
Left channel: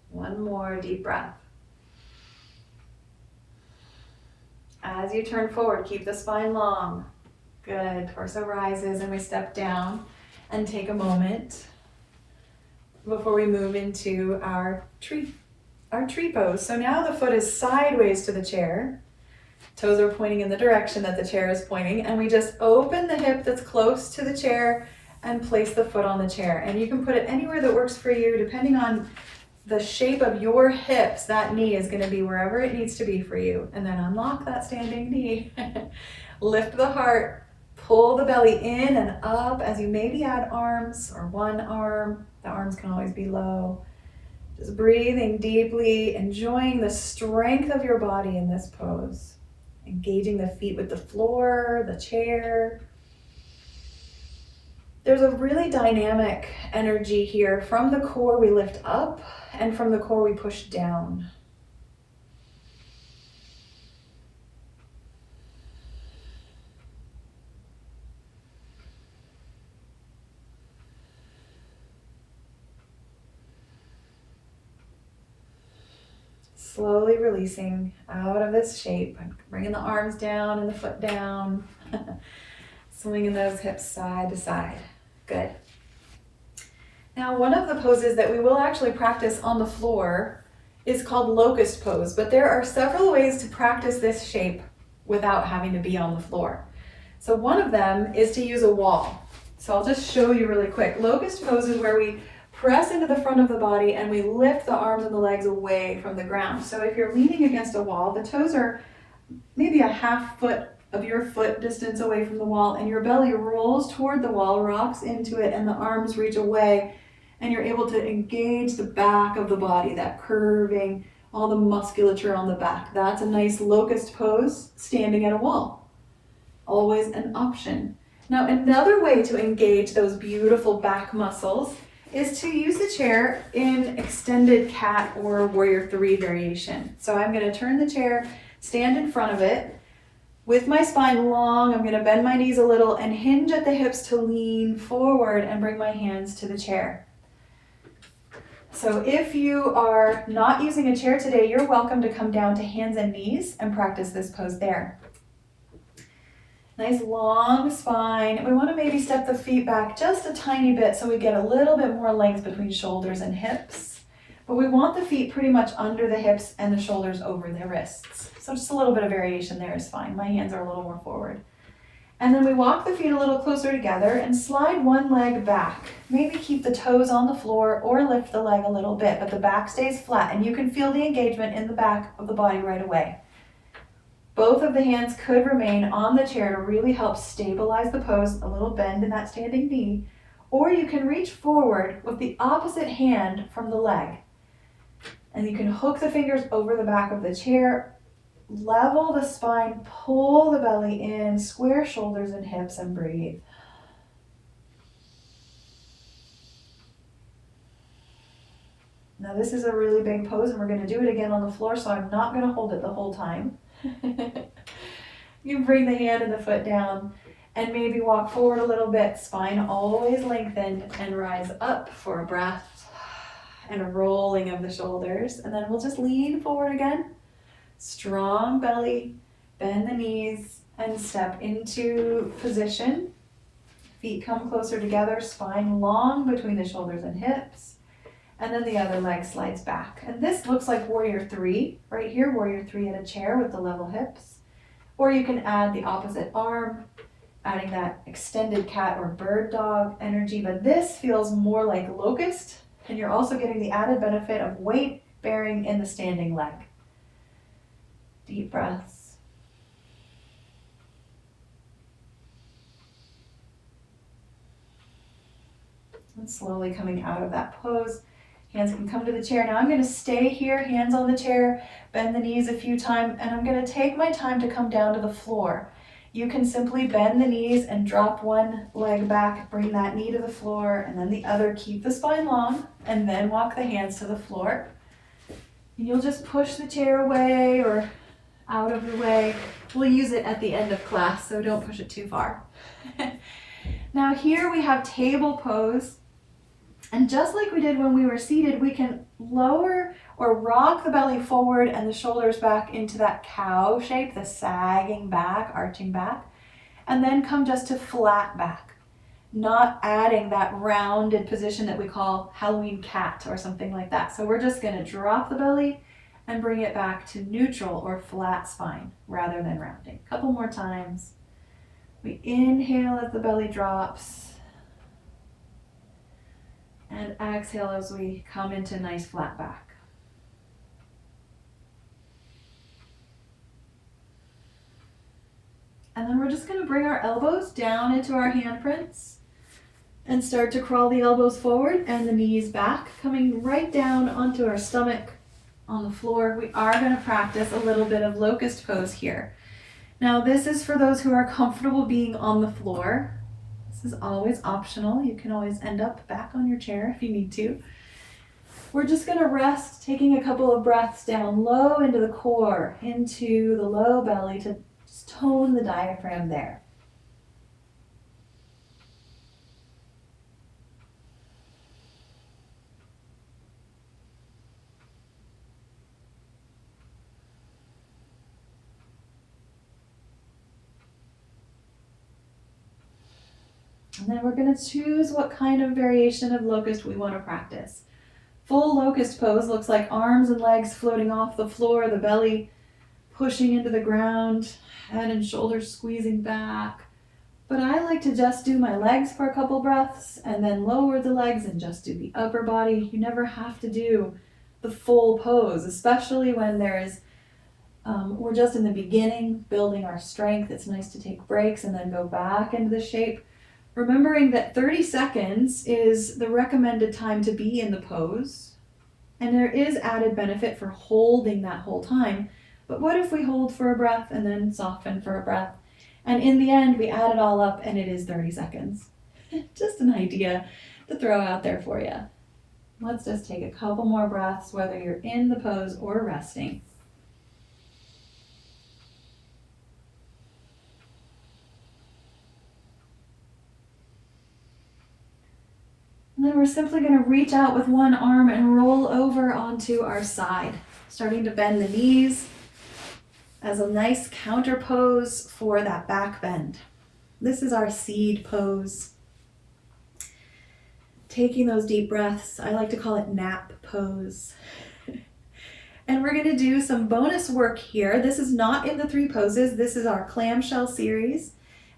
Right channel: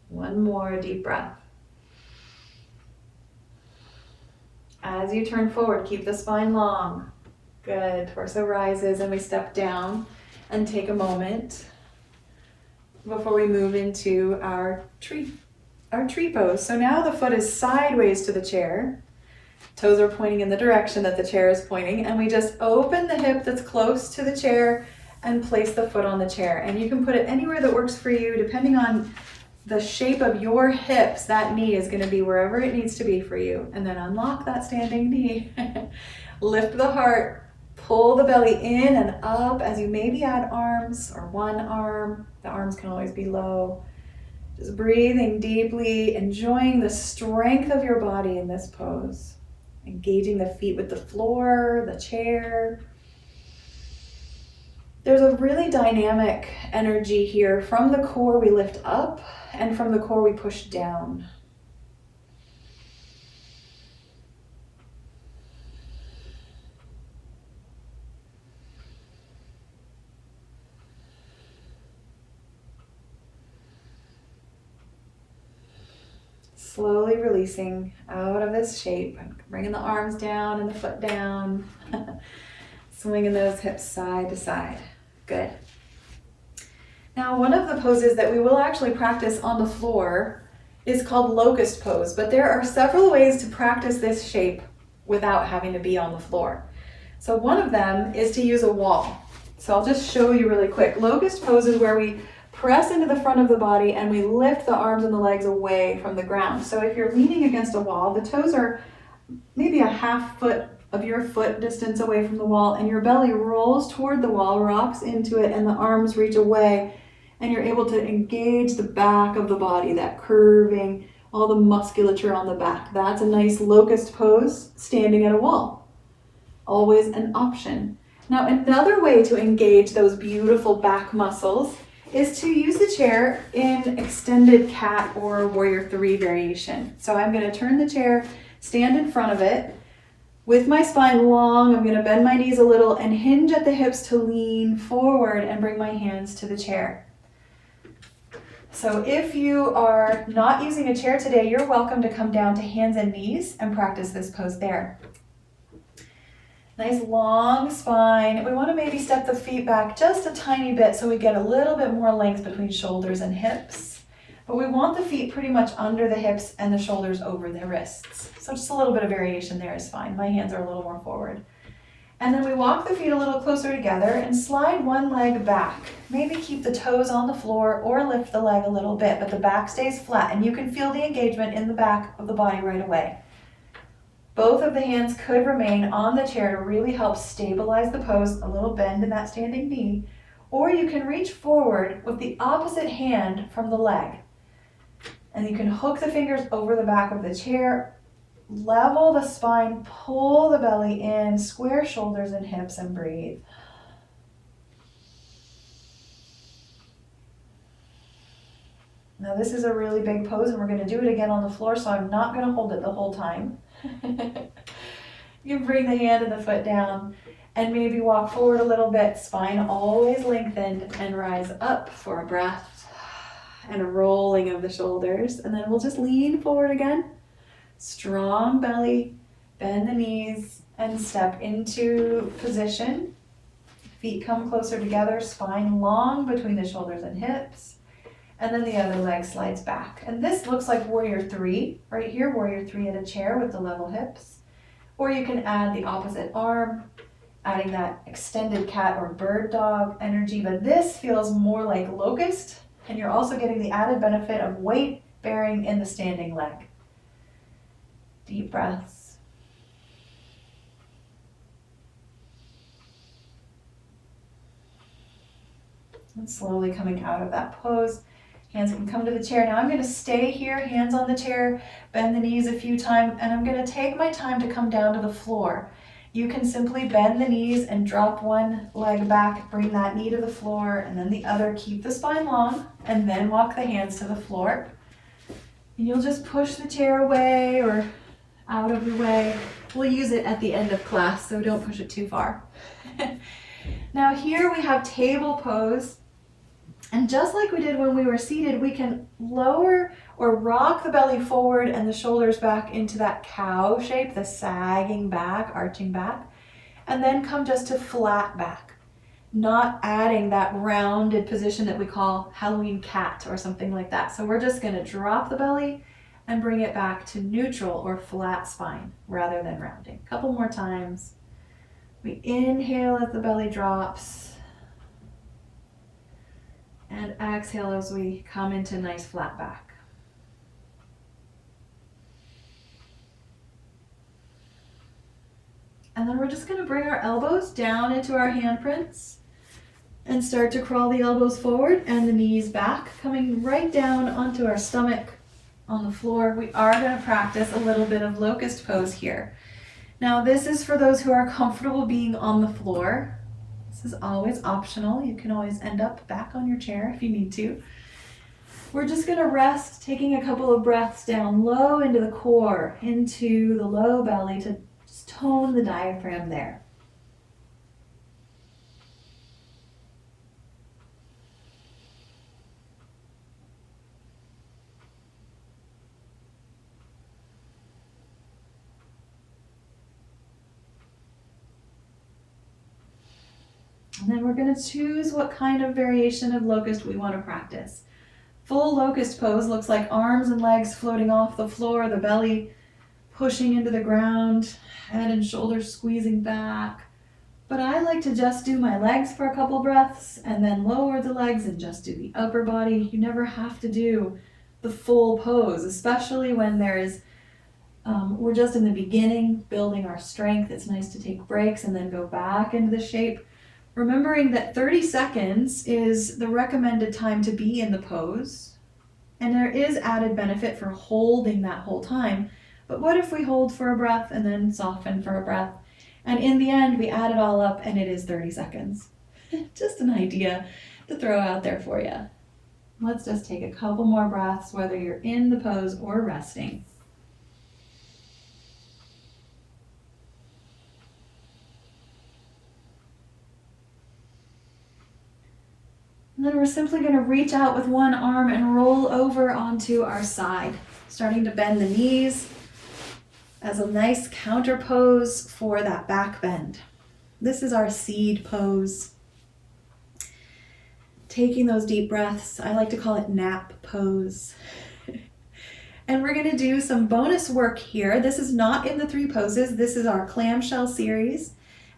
One more deep breath. As As you turn forward, keep the spine long. Good. Torso rises and we step down and take a moment before we move into our tree pose. So now the foot is sideways to the chair. Toes are pointing in the direction that the chair is pointing, and we just open the hip that's close to the chair and place the foot on the chair. And you can put it anywhere that works for you, depending on the shape of your hips. That knee is going to be wherever it needs to be for you. And then unlock that standing knee. Lift the heart, pull the belly in and up as you maybe add arms or one arm. The arms can always be low. Just breathing deeply, enjoying the strength of your body in this pose. Engaging the feet with the floor, the chair. There's a really dynamic energy here. From the core we lift up, and from the core we push down. Slowly releasing out of this shape, bringing the arms down and the foot down, swinging those hips side to side. Good. Now, one of the poses that we will actually practice on the floor is called Locust Pose, but there are several ways to practice this shape without having to be on the floor. So one of them is to use a wall. So I'll just show you really quick. Locust Pose is where we press into the front of the body and we lift the arms and the legs away from the ground. So if you're leaning against a wall, the toes are maybe a half foot of your foot distance away from the wall, and your belly rolls toward the wall, rocks into it, and the arms reach away, and you're able to engage the back of the body, that curving, all the musculature on the back. That's a nice locust pose, standing at a wall. Always an option. Now, another way to engage those beautiful back muscles is to use the chair in extended cat or warrior three variation. So I'm going to turn the chair, stand in front of it with my spine long. I'm going to bend my knees a little and hinge at the hips to lean forward and bring my hands to the chair. So if you are not using a chair today, you're welcome to come down to hands and knees and practice this pose there. Nice long spine. We want to maybe step the feet back just a tiny bit so we get a little bit more length between shoulders and hips. But we want the feet pretty much under the hips and the shoulders over the wrists. So just a little bit of variation there is fine. My hands are a little more forward. And then we walk the feet a little closer together and slide one leg back. Maybe keep the toes on the floor or lift the leg a little bit, but the back stays flat and you can feel the engagement in the back of the body right away. Both of the hands could remain on the chair to really help stabilize the pose, a little bend in that standing knee, or you can reach forward with the opposite hand from the leg. And you can hook the fingers over the back of the chair, level the spine, pull the belly in, square shoulders and hips, and breathe. Now this is a really big pose and we're going to do it again on the floor, so I'm not going to hold it the whole time. You can bring the hand and the foot down and maybe walk forward a little bit, spine always lengthened, and rise up for a breath and a rolling of the shoulders. And then we'll just lean forward again. Strong belly, bend the knees and step into position. Feet come closer together, spine long between the shoulders and hips. And then the other leg slides back. And this looks like warrior three, right here, warrior three at a chair with the level hips. Or you can add the opposite arm, adding that extended cat or bird dog energy. But this feels more like locust, and you're also getting the added benefit of weight bearing in the standing leg. Deep breaths. And slowly coming out of that pose. Hands can come to the chair. Now I'm going to stay here, hands on the chair, bend the knees a few times, and I'm going to take my time to come down to the floor. You can simply bend the knees and drop one leg back, bring that knee to the floor, and then the other. Keep the spine long, and then walk the hands to the floor. And you'll just push the chair away or out of the way. We'll use it at the end of class, so don't push it too far. Now here we have table pose. And just like we did when we were seated, we can lower Or rock the belly forward and the shoulders back into that cow shape, the sagging back, arching back, and then come just to flat back, not adding that rounded position that we call Halloween cat or something like that. So we're just gonna drop the belly and bring it back to neutral or flat spine rather than rounding. A couple more times. We inhale as the belly drops and exhale as we come into nice flat back. And then we're just going to bring our elbows down into our handprints and start to crawl the elbows forward and the knees back, coming right down onto our stomach on the floor. We are going to practice a little bit of locust pose here. Now this is for those who are comfortable being on the floor. This is always optional. You can always end up back on your chair if you need to. We're just going to rest, taking a couple of breaths down low into the core, into the low belly to just tone the diaphragm there. And then we're going to choose what kind of variation of locust we want to practice. Full locust pose looks like arms and legs floating off the floor, the belly pushing into the ground, head and shoulders squeezing back. But I like to just do my legs for a couple breaths and then lower the legs and just do the upper body. You never have to do the full pose, especially when we're just in the beginning, building our strength. It's nice to take breaks and then go back into the shape. Remembering that 30 seconds is the recommended time to be in the pose, and there is added benefit for holding that whole time. But what if we hold for a breath and then soften for a breath? And in the end, we add it all up and it is 30 seconds. Just an idea to throw out there for you. Let's just take a couple more breaths, whether you're in the pose or resting. And then we're simply going to reach out with one arm and roll over onto our side, starting to bend the knees as a nice counter pose for that back bend. This is our seed pose. Taking those deep breaths, I like to call it nap pose. And we're going to do some bonus work here. This is not in the 3 poses. This is our clamshell series.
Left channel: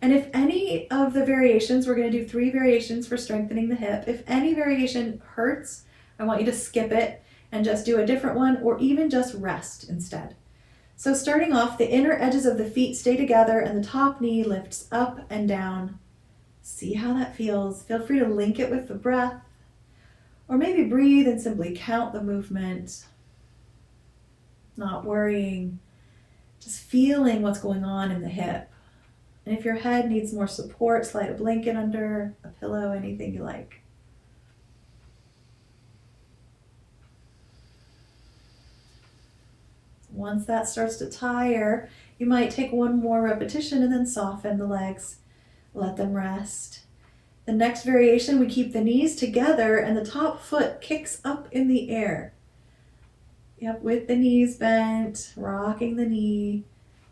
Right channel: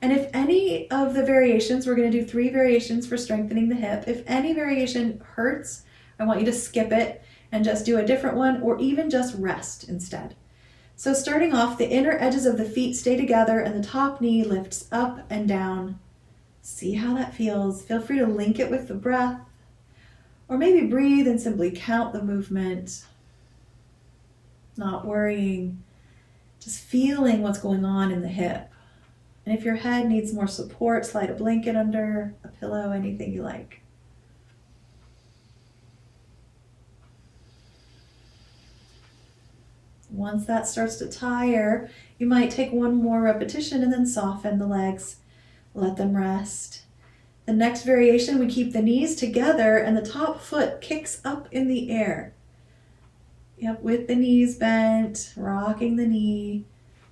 And if any of the variations, we're going to do 3 variations for strengthening the hip. If any variation hurts, I want you to skip it and just do a different one, or even just rest instead. So starting off, the inner edges of the feet stay together and the top knee lifts up and down. See how that feels. Feel free to link it with the breath, or maybe breathe and simply count the movement. Not worrying, just feeling what's going on in the hip. And if your head needs more support, slide a blanket under, a pillow, anything you like. Once that starts to tire, you might take one more repetition and then soften the legs. Let them rest. The next variation, we keep the knees together and the top foot kicks up in the air. Yep, with the knees bent, rocking the knee,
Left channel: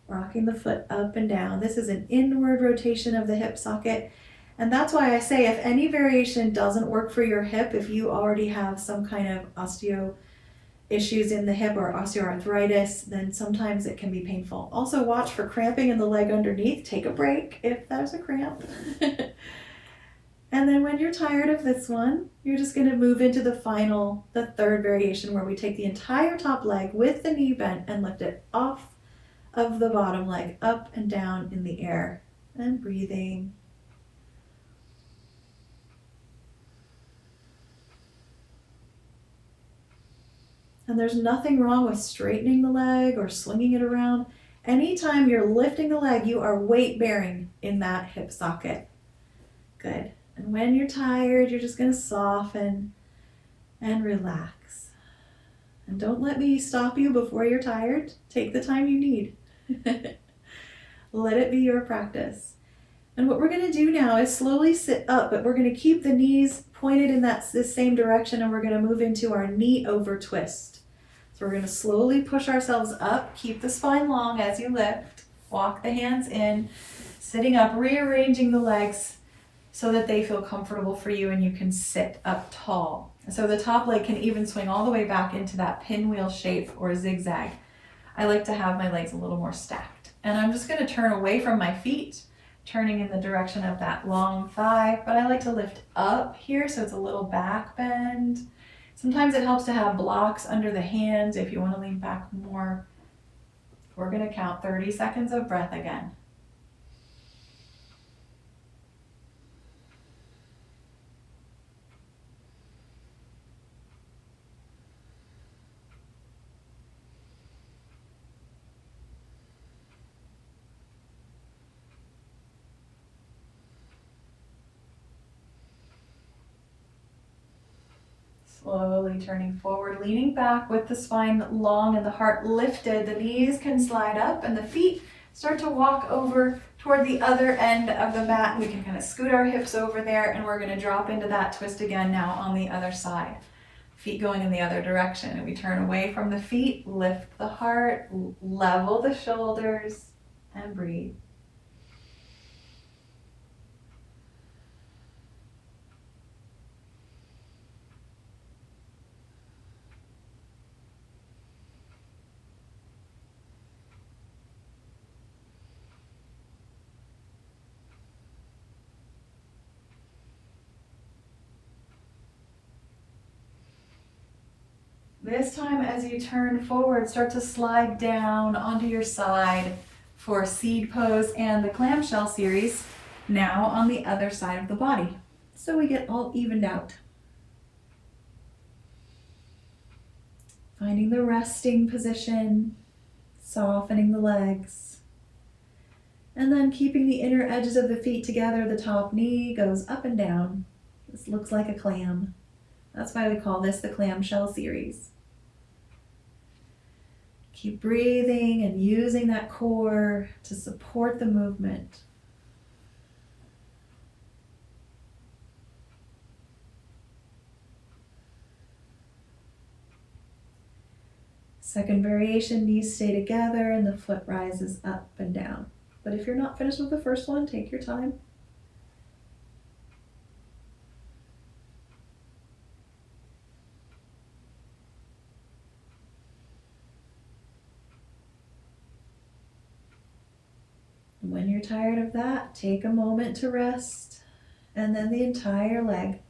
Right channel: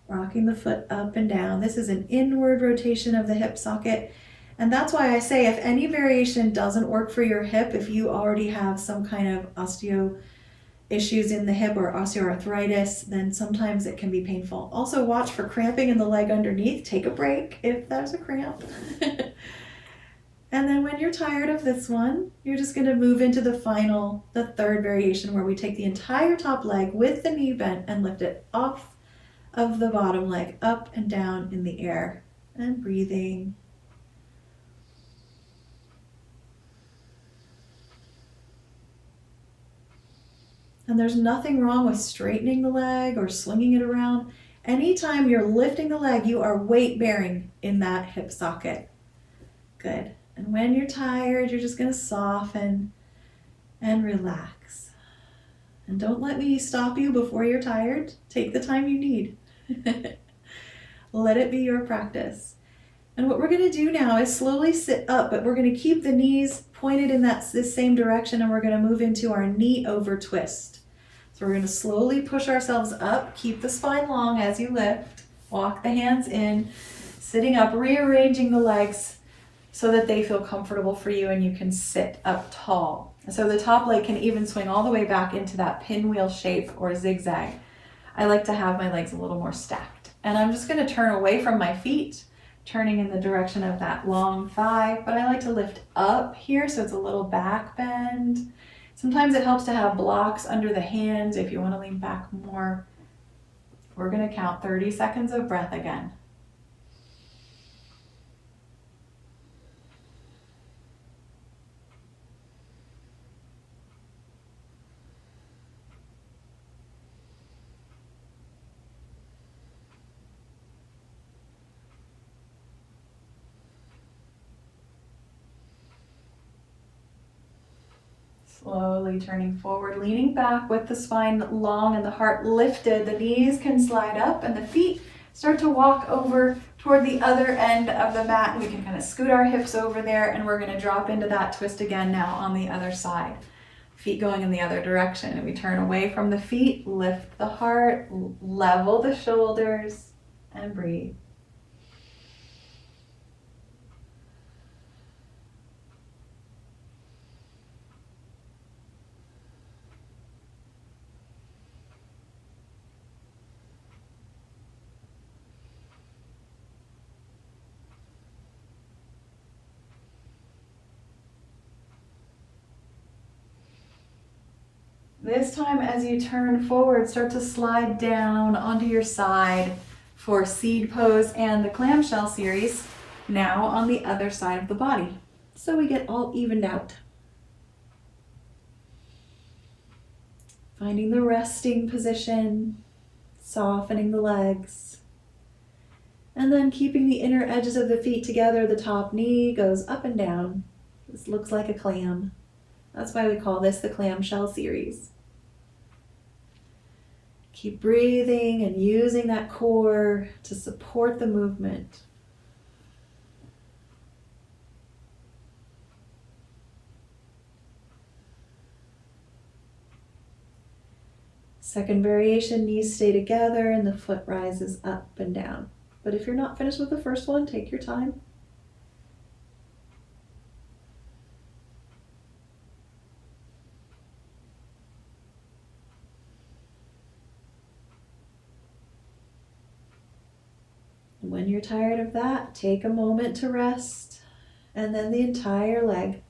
rocking the foot up and down. This is an inward rotation of the hip socket. And that's why I say if any variation doesn't work for your hip, if you already have some kind of osteo issues in the hip or osteoarthritis, then sometimes it can be painful. Also watch for cramping in the leg underneath. Take a break if there's a cramp. And then when you're tired of this one, you're just going to move into the 3rd variation, where we take the entire top leg with the knee bent and lift it off of the bottom leg up and down in the air, and breathing. And there's nothing wrong with straightening the leg or swinging it around. Anytime you're lifting the leg, you are weight bearing in that hip socket. Good. And when you're tired, you're just going to soften and relax. And don't let me stop you before you're tired. Take the time you need. Let it be your practice. And what we're going to do now is slowly sit up, but we're going to keep the knees pointed in this same direction, and we're going to move into our knee over twist. So we're going to slowly push ourselves up. Keep the spine long as you lift. Walk the hands in, sitting up, rearranging the legs so that they feel comfortable for you and you can sit up tall. So the top leg can even swing all the way back into that pinwheel shape or zigzag. I like to have my legs a little more stacked. And I'm just going to turn away from my feet, turning in the direction of that long thigh, but I like to lift up here so it's a little back bend. Sometimes it helps to have blocks under the hands if you want to lean back more. We're going to count 30 seconds of breath again. Slowly turning forward, leaning back with the spine long and the heart lifted. The knees can slide up and the feet start to walk over toward the other end of the mat. And we can kind of scoot our hips over there and we're going to drop into that twist again now on the other side. Feet going in the other direction. And we turn away from the feet, lift the heart, level the shoulders, and breathe. This time as you turn forward, start to slide down onto your side for seed pose and the clamshell series, now on the other side of the body. So we get all evened out. Finding the resting position, softening the legs, and then keeping the inner edges of the feet together. The top knee goes up and down. This looks like a clam. That's why we call this the clamshell series. Keep breathing and using that core to support the movement. Second variation, knees stay together and the foot rises up and down. But if you're not finished with the first one, take your time. When you're tired of that, take a moment to rest, and then the entire leg,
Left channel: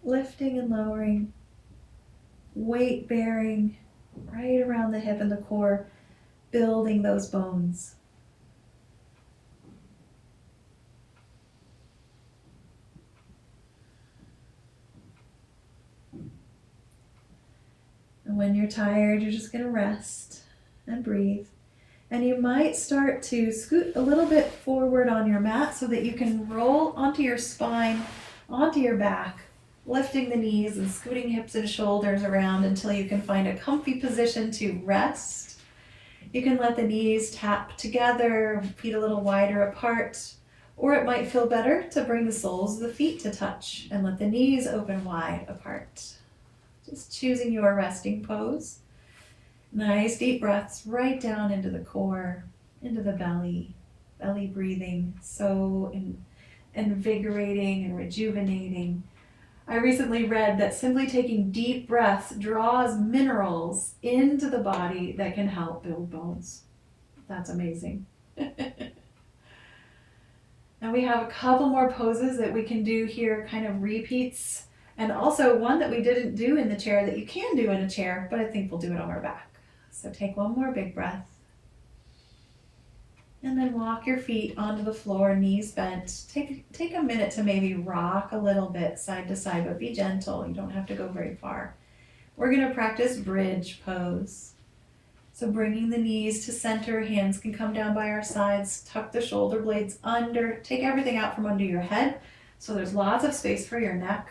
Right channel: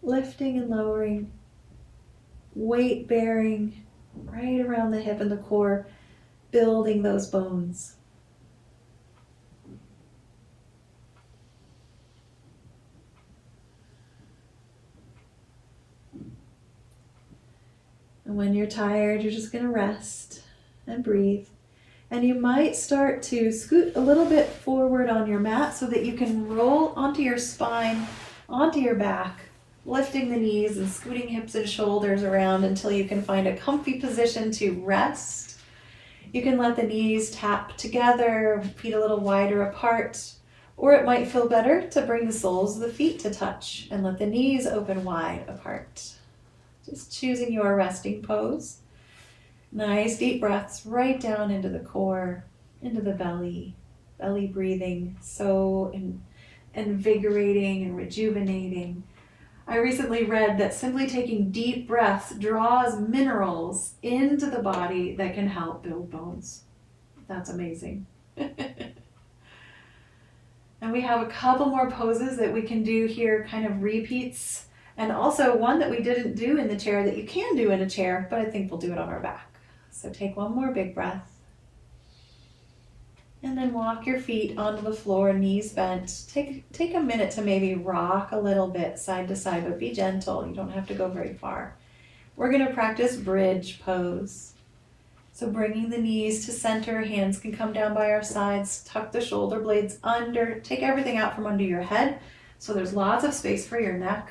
lifting and lowering, weight bearing right around the hip and the core, building those bones. And when you're tired, you're just going to rest and breathe. And you might start to scoot a little bit forward on your mat so that you can roll onto your spine, onto your back, lifting the knees and scooting hips and shoulders around until you can find a comfy position to rest. You can let the knees tap together, feet a little wider apart, or it might feel better to bring the soles of the feet to touch and let the knees open wide apart. Just choosing your resting pose. Nice deep breaths right down into the core, into the belly breathing, so invigorating and rejuvenating. I recently read that simply taking deep breaths draws minerals into the body that can help build bones. That's amazing. And we have a couple more poses that we can do here, kind of repeats, and also one that we didn't do in the chair that you can do in a chair, but I think we'll do it on our back. So take one more big breath. And then walk your feet onto the floor, knees bent. Take a minute to maybe rock a little bit side to side, but be gentle. You don't have to go very far. We're going to practice bridge pose. So bringing the knees to center, hands can come down by our sides, tuck the shoulder blades under, take everything out from under your head so there's lots of space for your neck.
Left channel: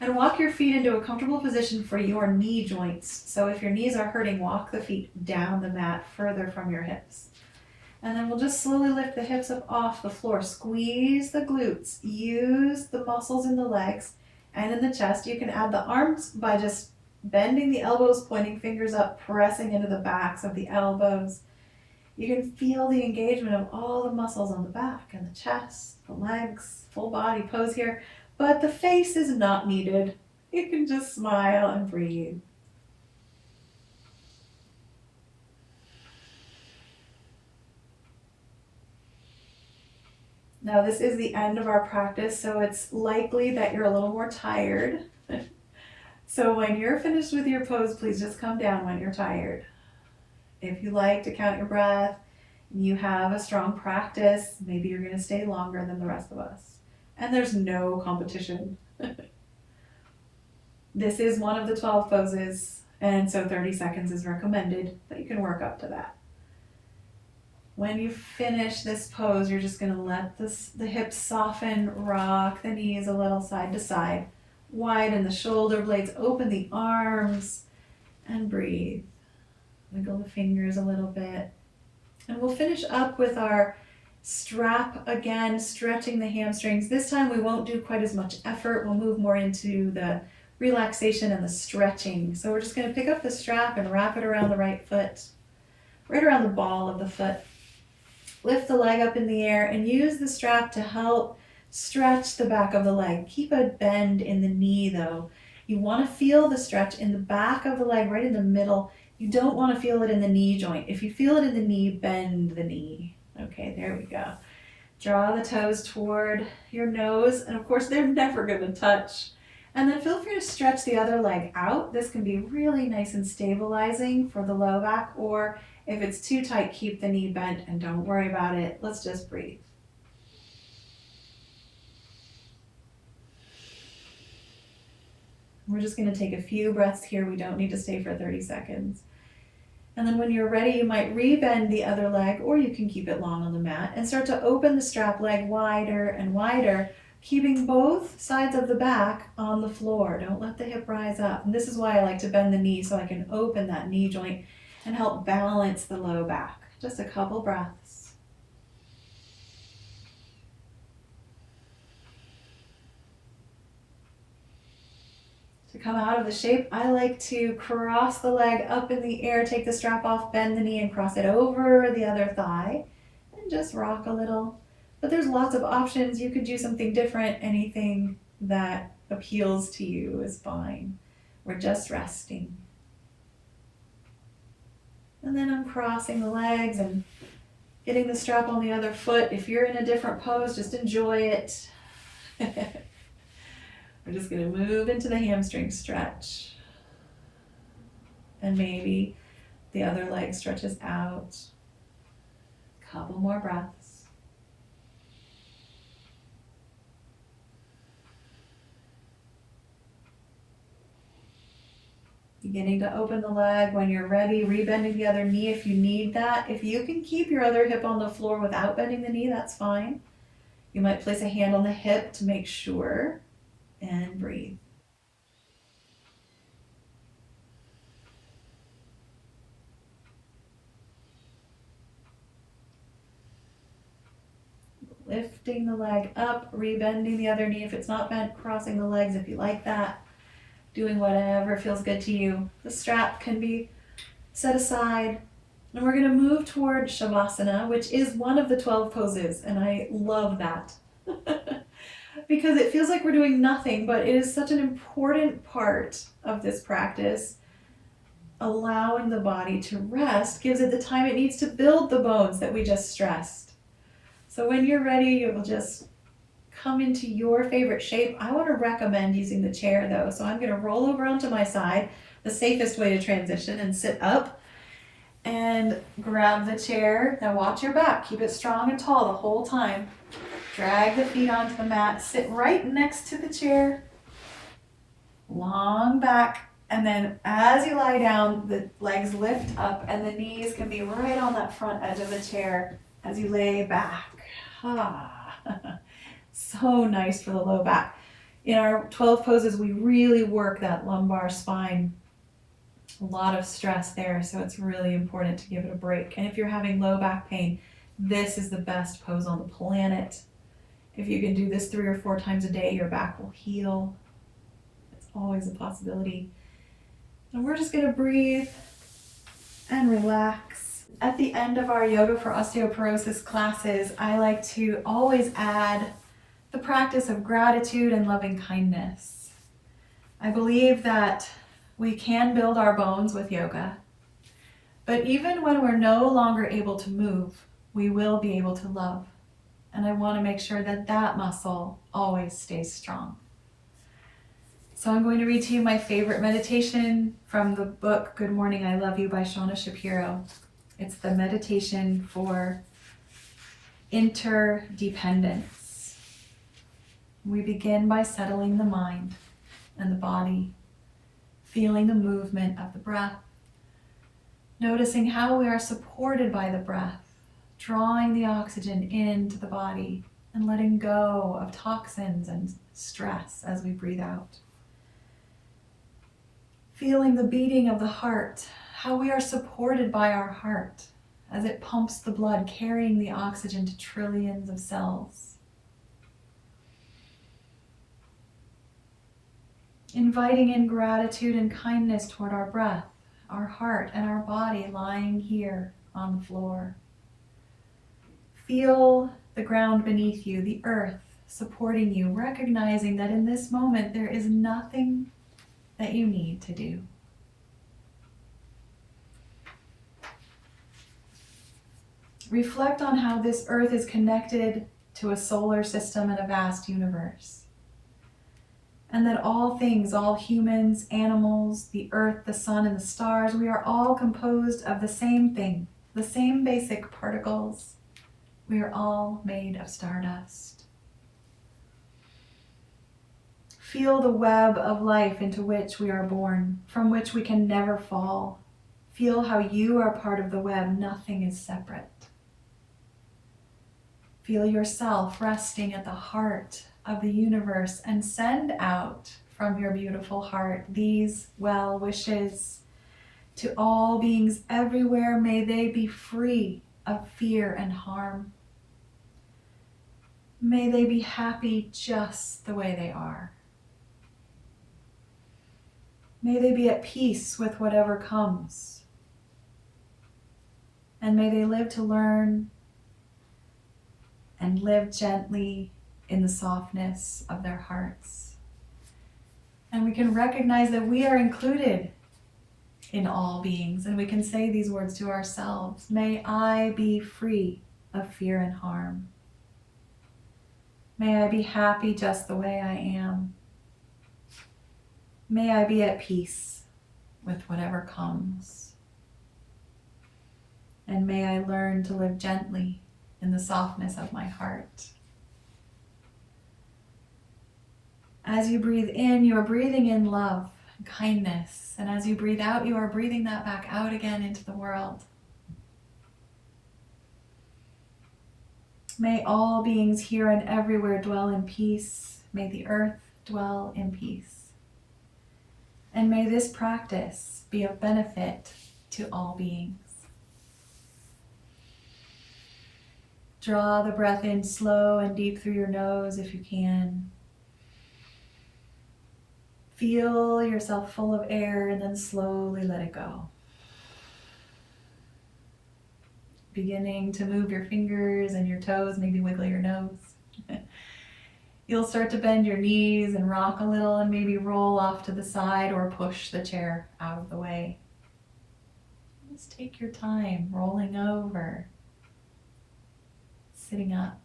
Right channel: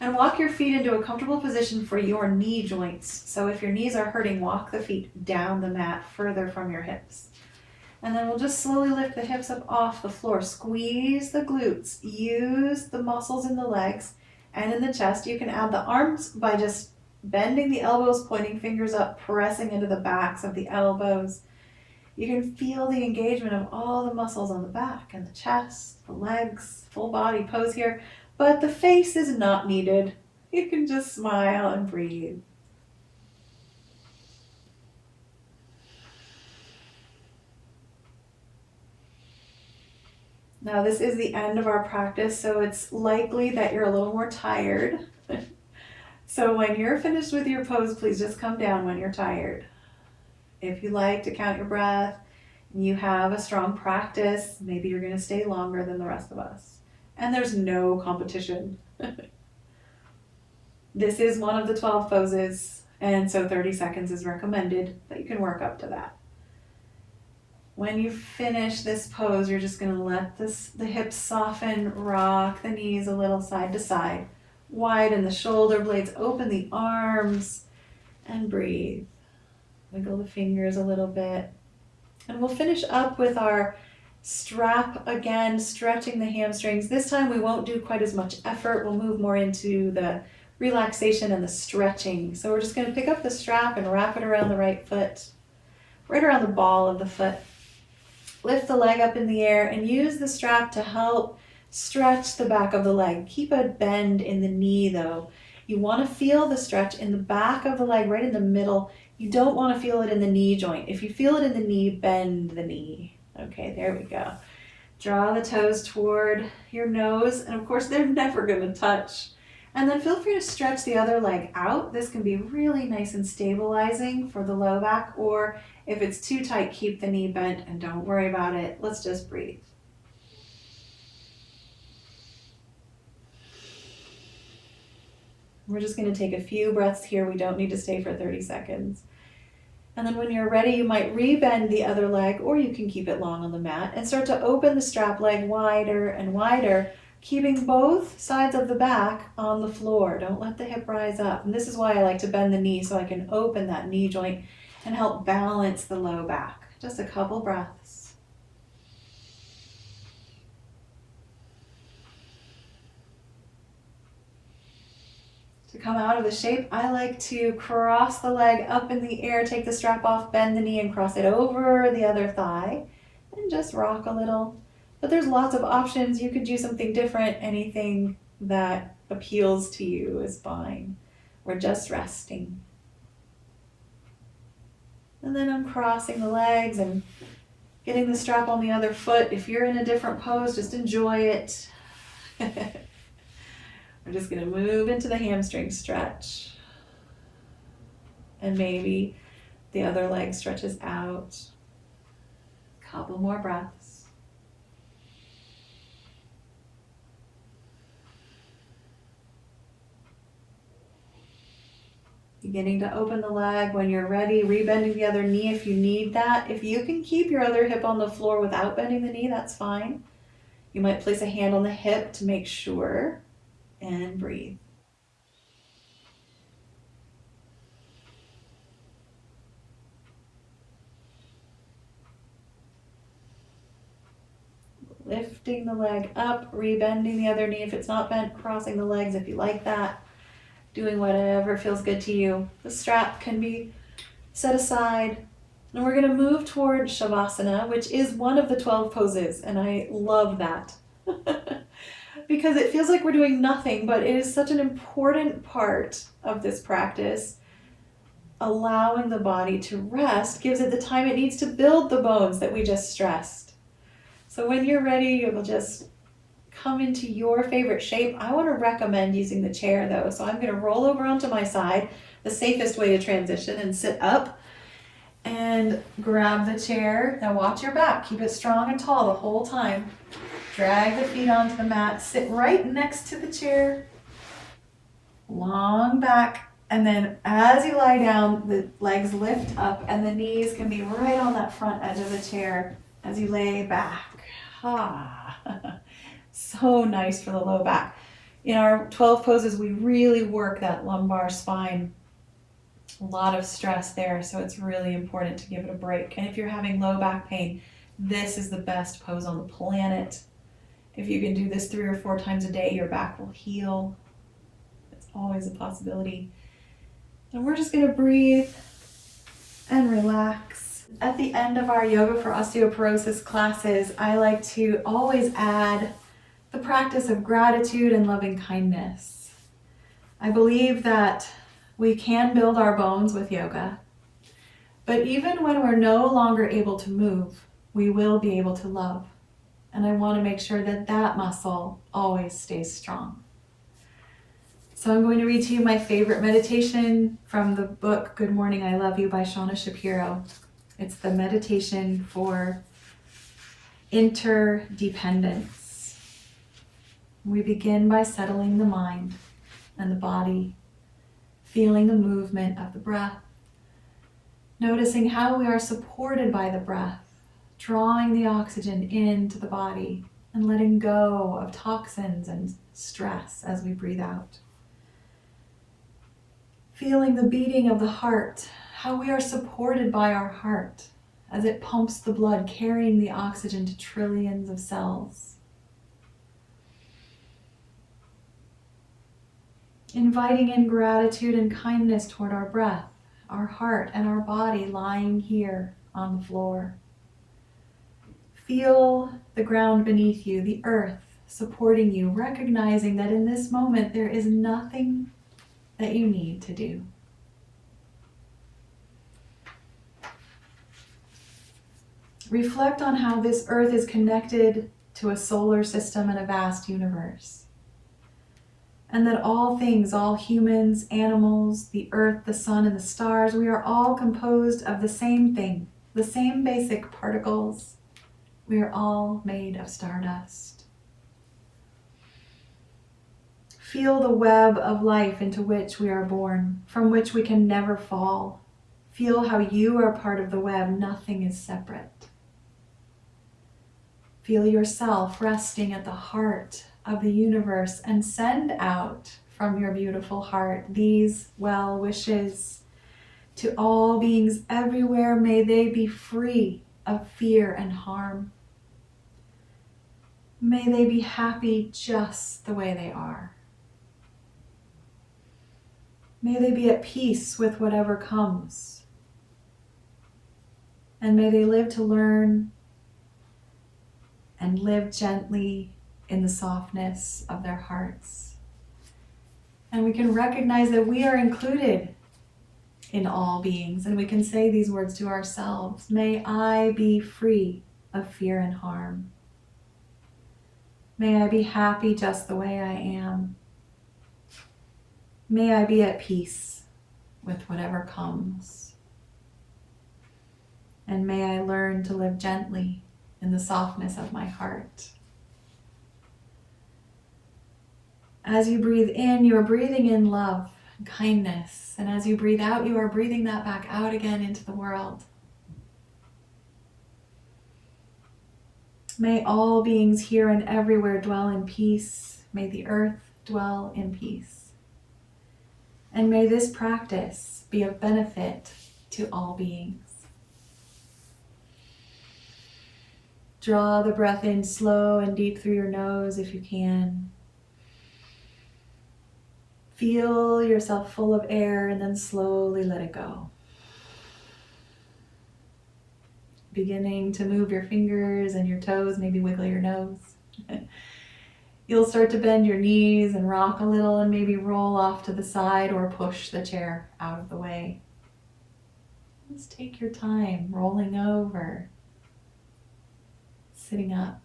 And walk your feet into a comfortable position for your knee joints. So if your knees are hurting, walk the feet down the mat further from your hips. And then we'll just slowly lift the hips up off the floor. Squeeze the glutes. Use the muscles in the legs and in the chest. You can add the arms by just bending the elbows, pointing fingers up, pressing into the backs of the elbows. You can feel the engagement of all the muscles on the back and the chest, the legs, full body pose here, but the face is not needed. You can just smile and breathe. Now this is the end of our practice, so it's likely that you're a little more tired. So when you're finished with your pose, please just come down when you're tired. If you like to count your breath and you have a strong practice, maybe you're going to stay longer than the rest of us. And there's no competition. This is one of the 12 poses, and so 30 seconds is recommended, but you can work up to that. When you finish this pose, you're just going to let the hips soften, rock the knees a little side to side, widen the shoulder blades, open the arms, and breathe. Wiggle the fingers a little bit. And we'll finish up with our strap again, stretching the hamstrings. This time we won't do quite as much effort. We'll move more into the relaxation and the stretching. So we're just going to pick up the strap and wrap it around the right foot, right around the ball of the foot. Lift the leg up in the air and use the strap to help stretch the back of the leg. Keep a bend in the knee though. You want to feel the stretch in the back of the leg, right in the middle. You don't want to feel it in the knee joint. If you feel it in the knee, bend the knee. Okay, there we go. Draw the toes toward your nose, and of course they're never going to touch. And then feel free to stretch the other leg out. This can be really nice and stabilizing for the low back, or if it's too tight, keep the knee bent and don't worry about it. Let's just breathe. We're just going to take a few breaths here. We don't need to stay for 30 seconds. And then when you're ready, you might rebend the other leg, or you can keep it long on the mat and start to open the strap leg wider and wider, keeping both sides of the back on the floor. Don't let the hip rise up. And this is why I like to bend the knee, so I can open that knee joint and help balance the low back. Just a couple breaths. To come out of the shape, I like to cross the leg up in the air, take the strap off, bend the knee, and cross it over the other thigh, and just rock a little. But there's lots of options. You could do something different. Anything that appeals to you is fine. We're just resting. And then uncrossing the legs and getting the strap on the other foot. If you're in a different pose, just enjoy it. We're just going to move into the hamstring stretch. And maybe the other leg stretches out. Couple more breaths. Beginning to open the leg. When you're ready, rebending the other knee if you need that. If you can keep your other hip on the floor without bending the knee, that's fine. You might place a hand on the hip to make sure. And breathe. Lifting the leg up, rebending the other knee if it's not bent, crossing the legs if you like that. Doing whatever feels good to you. The strap can be set aside. And we're going to move toward Shavasana, which is one of the 12 poses, and I love that. Because it feels like we're doing nothing, but it is such an important part of this practice. Allowing the body to rest gives it the time it needs to build the bones that we just stressed. So when you're ready, it will just come into your favorite shape. I want to recommend using the chair though. So I'm going to roll over onto my side, the safest way to transition, and sit up and grab the chair. Now watch your back. Keep it strong and tall the whole time. Drag the feet onto the mat, sit right next to the chair, long back, and then as you lie down, the legs lift up and the knees can be right on that front edge of the chair as you lay back. So nice for the low back. In our 12 poses, we really work that lumbar spine. A lot of stress there, so it's really important to give it a break. And if you're having low back pain, this is the best pose on the planet. If you can do this 3 or 4 times a day, your back will heal. It's always a possibility. And we're just going to breathe and relax. At the end of our Yoga for Osteoporosis classes, I like to always add the practice of gratitude and loving kindness. I believe that we can build our bones with yoga, but even when we're no longer able to move, we will be able to love. And I want to make sure that that muscle always stays strong. So I'm going to read to you my favorite meditation from the book Good Morning, I Love You by Shauna Shapiro. It's the meditation for interdependence. We begin by settling the mind and the body, feeling the movement of the breath, noticing how we are supported by the breath, drawing the oxygen into the body and letting go of toxins and stress as we breathe out. Feeling the beating of the heart, how we are supported by our heart as it pumps the blood, carrying the oxygen to trillions of cells. Inviting in gratitude and kindness toward our breath, our heart, and our body lying here on the floor. Feel the ground beneath you, the earth supporting you, recognizing that in this moment there is nothing that you need to do. Reflect on how this earth is connected to a solar system and a vast universe. And that all things, all humans, animals, the earth, the sun, and the stars, we are all composed of the same thing, the same basic particles. We are all made of stardust. Feel the web of life into which we are born, from which we can never fall. Feel how you are part of the web. Nothing is separate. Feel yourself resting at the heart of the universe and send out from your beautiful heart these well wishes to all beings everywhere. May they be free of fear and harm. May they be happy just the way they are. May they be at peace with whatever comes. And may they live to learn and live gently in the softness of their hearts. And we can recognize that we are included in all beings, and we can say these words to ourselves. May I be free of fear and harm. May I be happy just the way I am. May I be at peace with whatever comes. And may I learn to live gently in the softness of my heart. As you breathe in, you are breathing in love and kindness. And as you breathe out, you are breathing that back out again into the world. May all beings here and everywhere dwell in peace. May the earth dwell in peace. And may this practice be of benefit to all beings. Draw the breath in slow and deep through your nose if you can. Feel yourself full of air and then slowly let it go. Beginning to move your fingers and your toes, maybe wiggle your nose. You'll start to bend your knees and rock a little and maybe roll off to the side or push the chair out of the way. Just take your time rolling over, sitting up.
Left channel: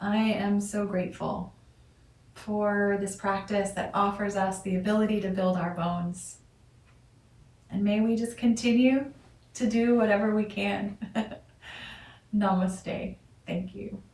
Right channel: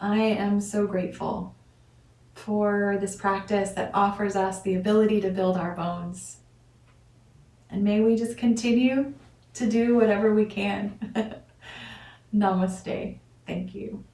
I am so grateful for this practice that offers us the ability to build our bones. And may we just continue to do whatever we can. Namaste. Thank you.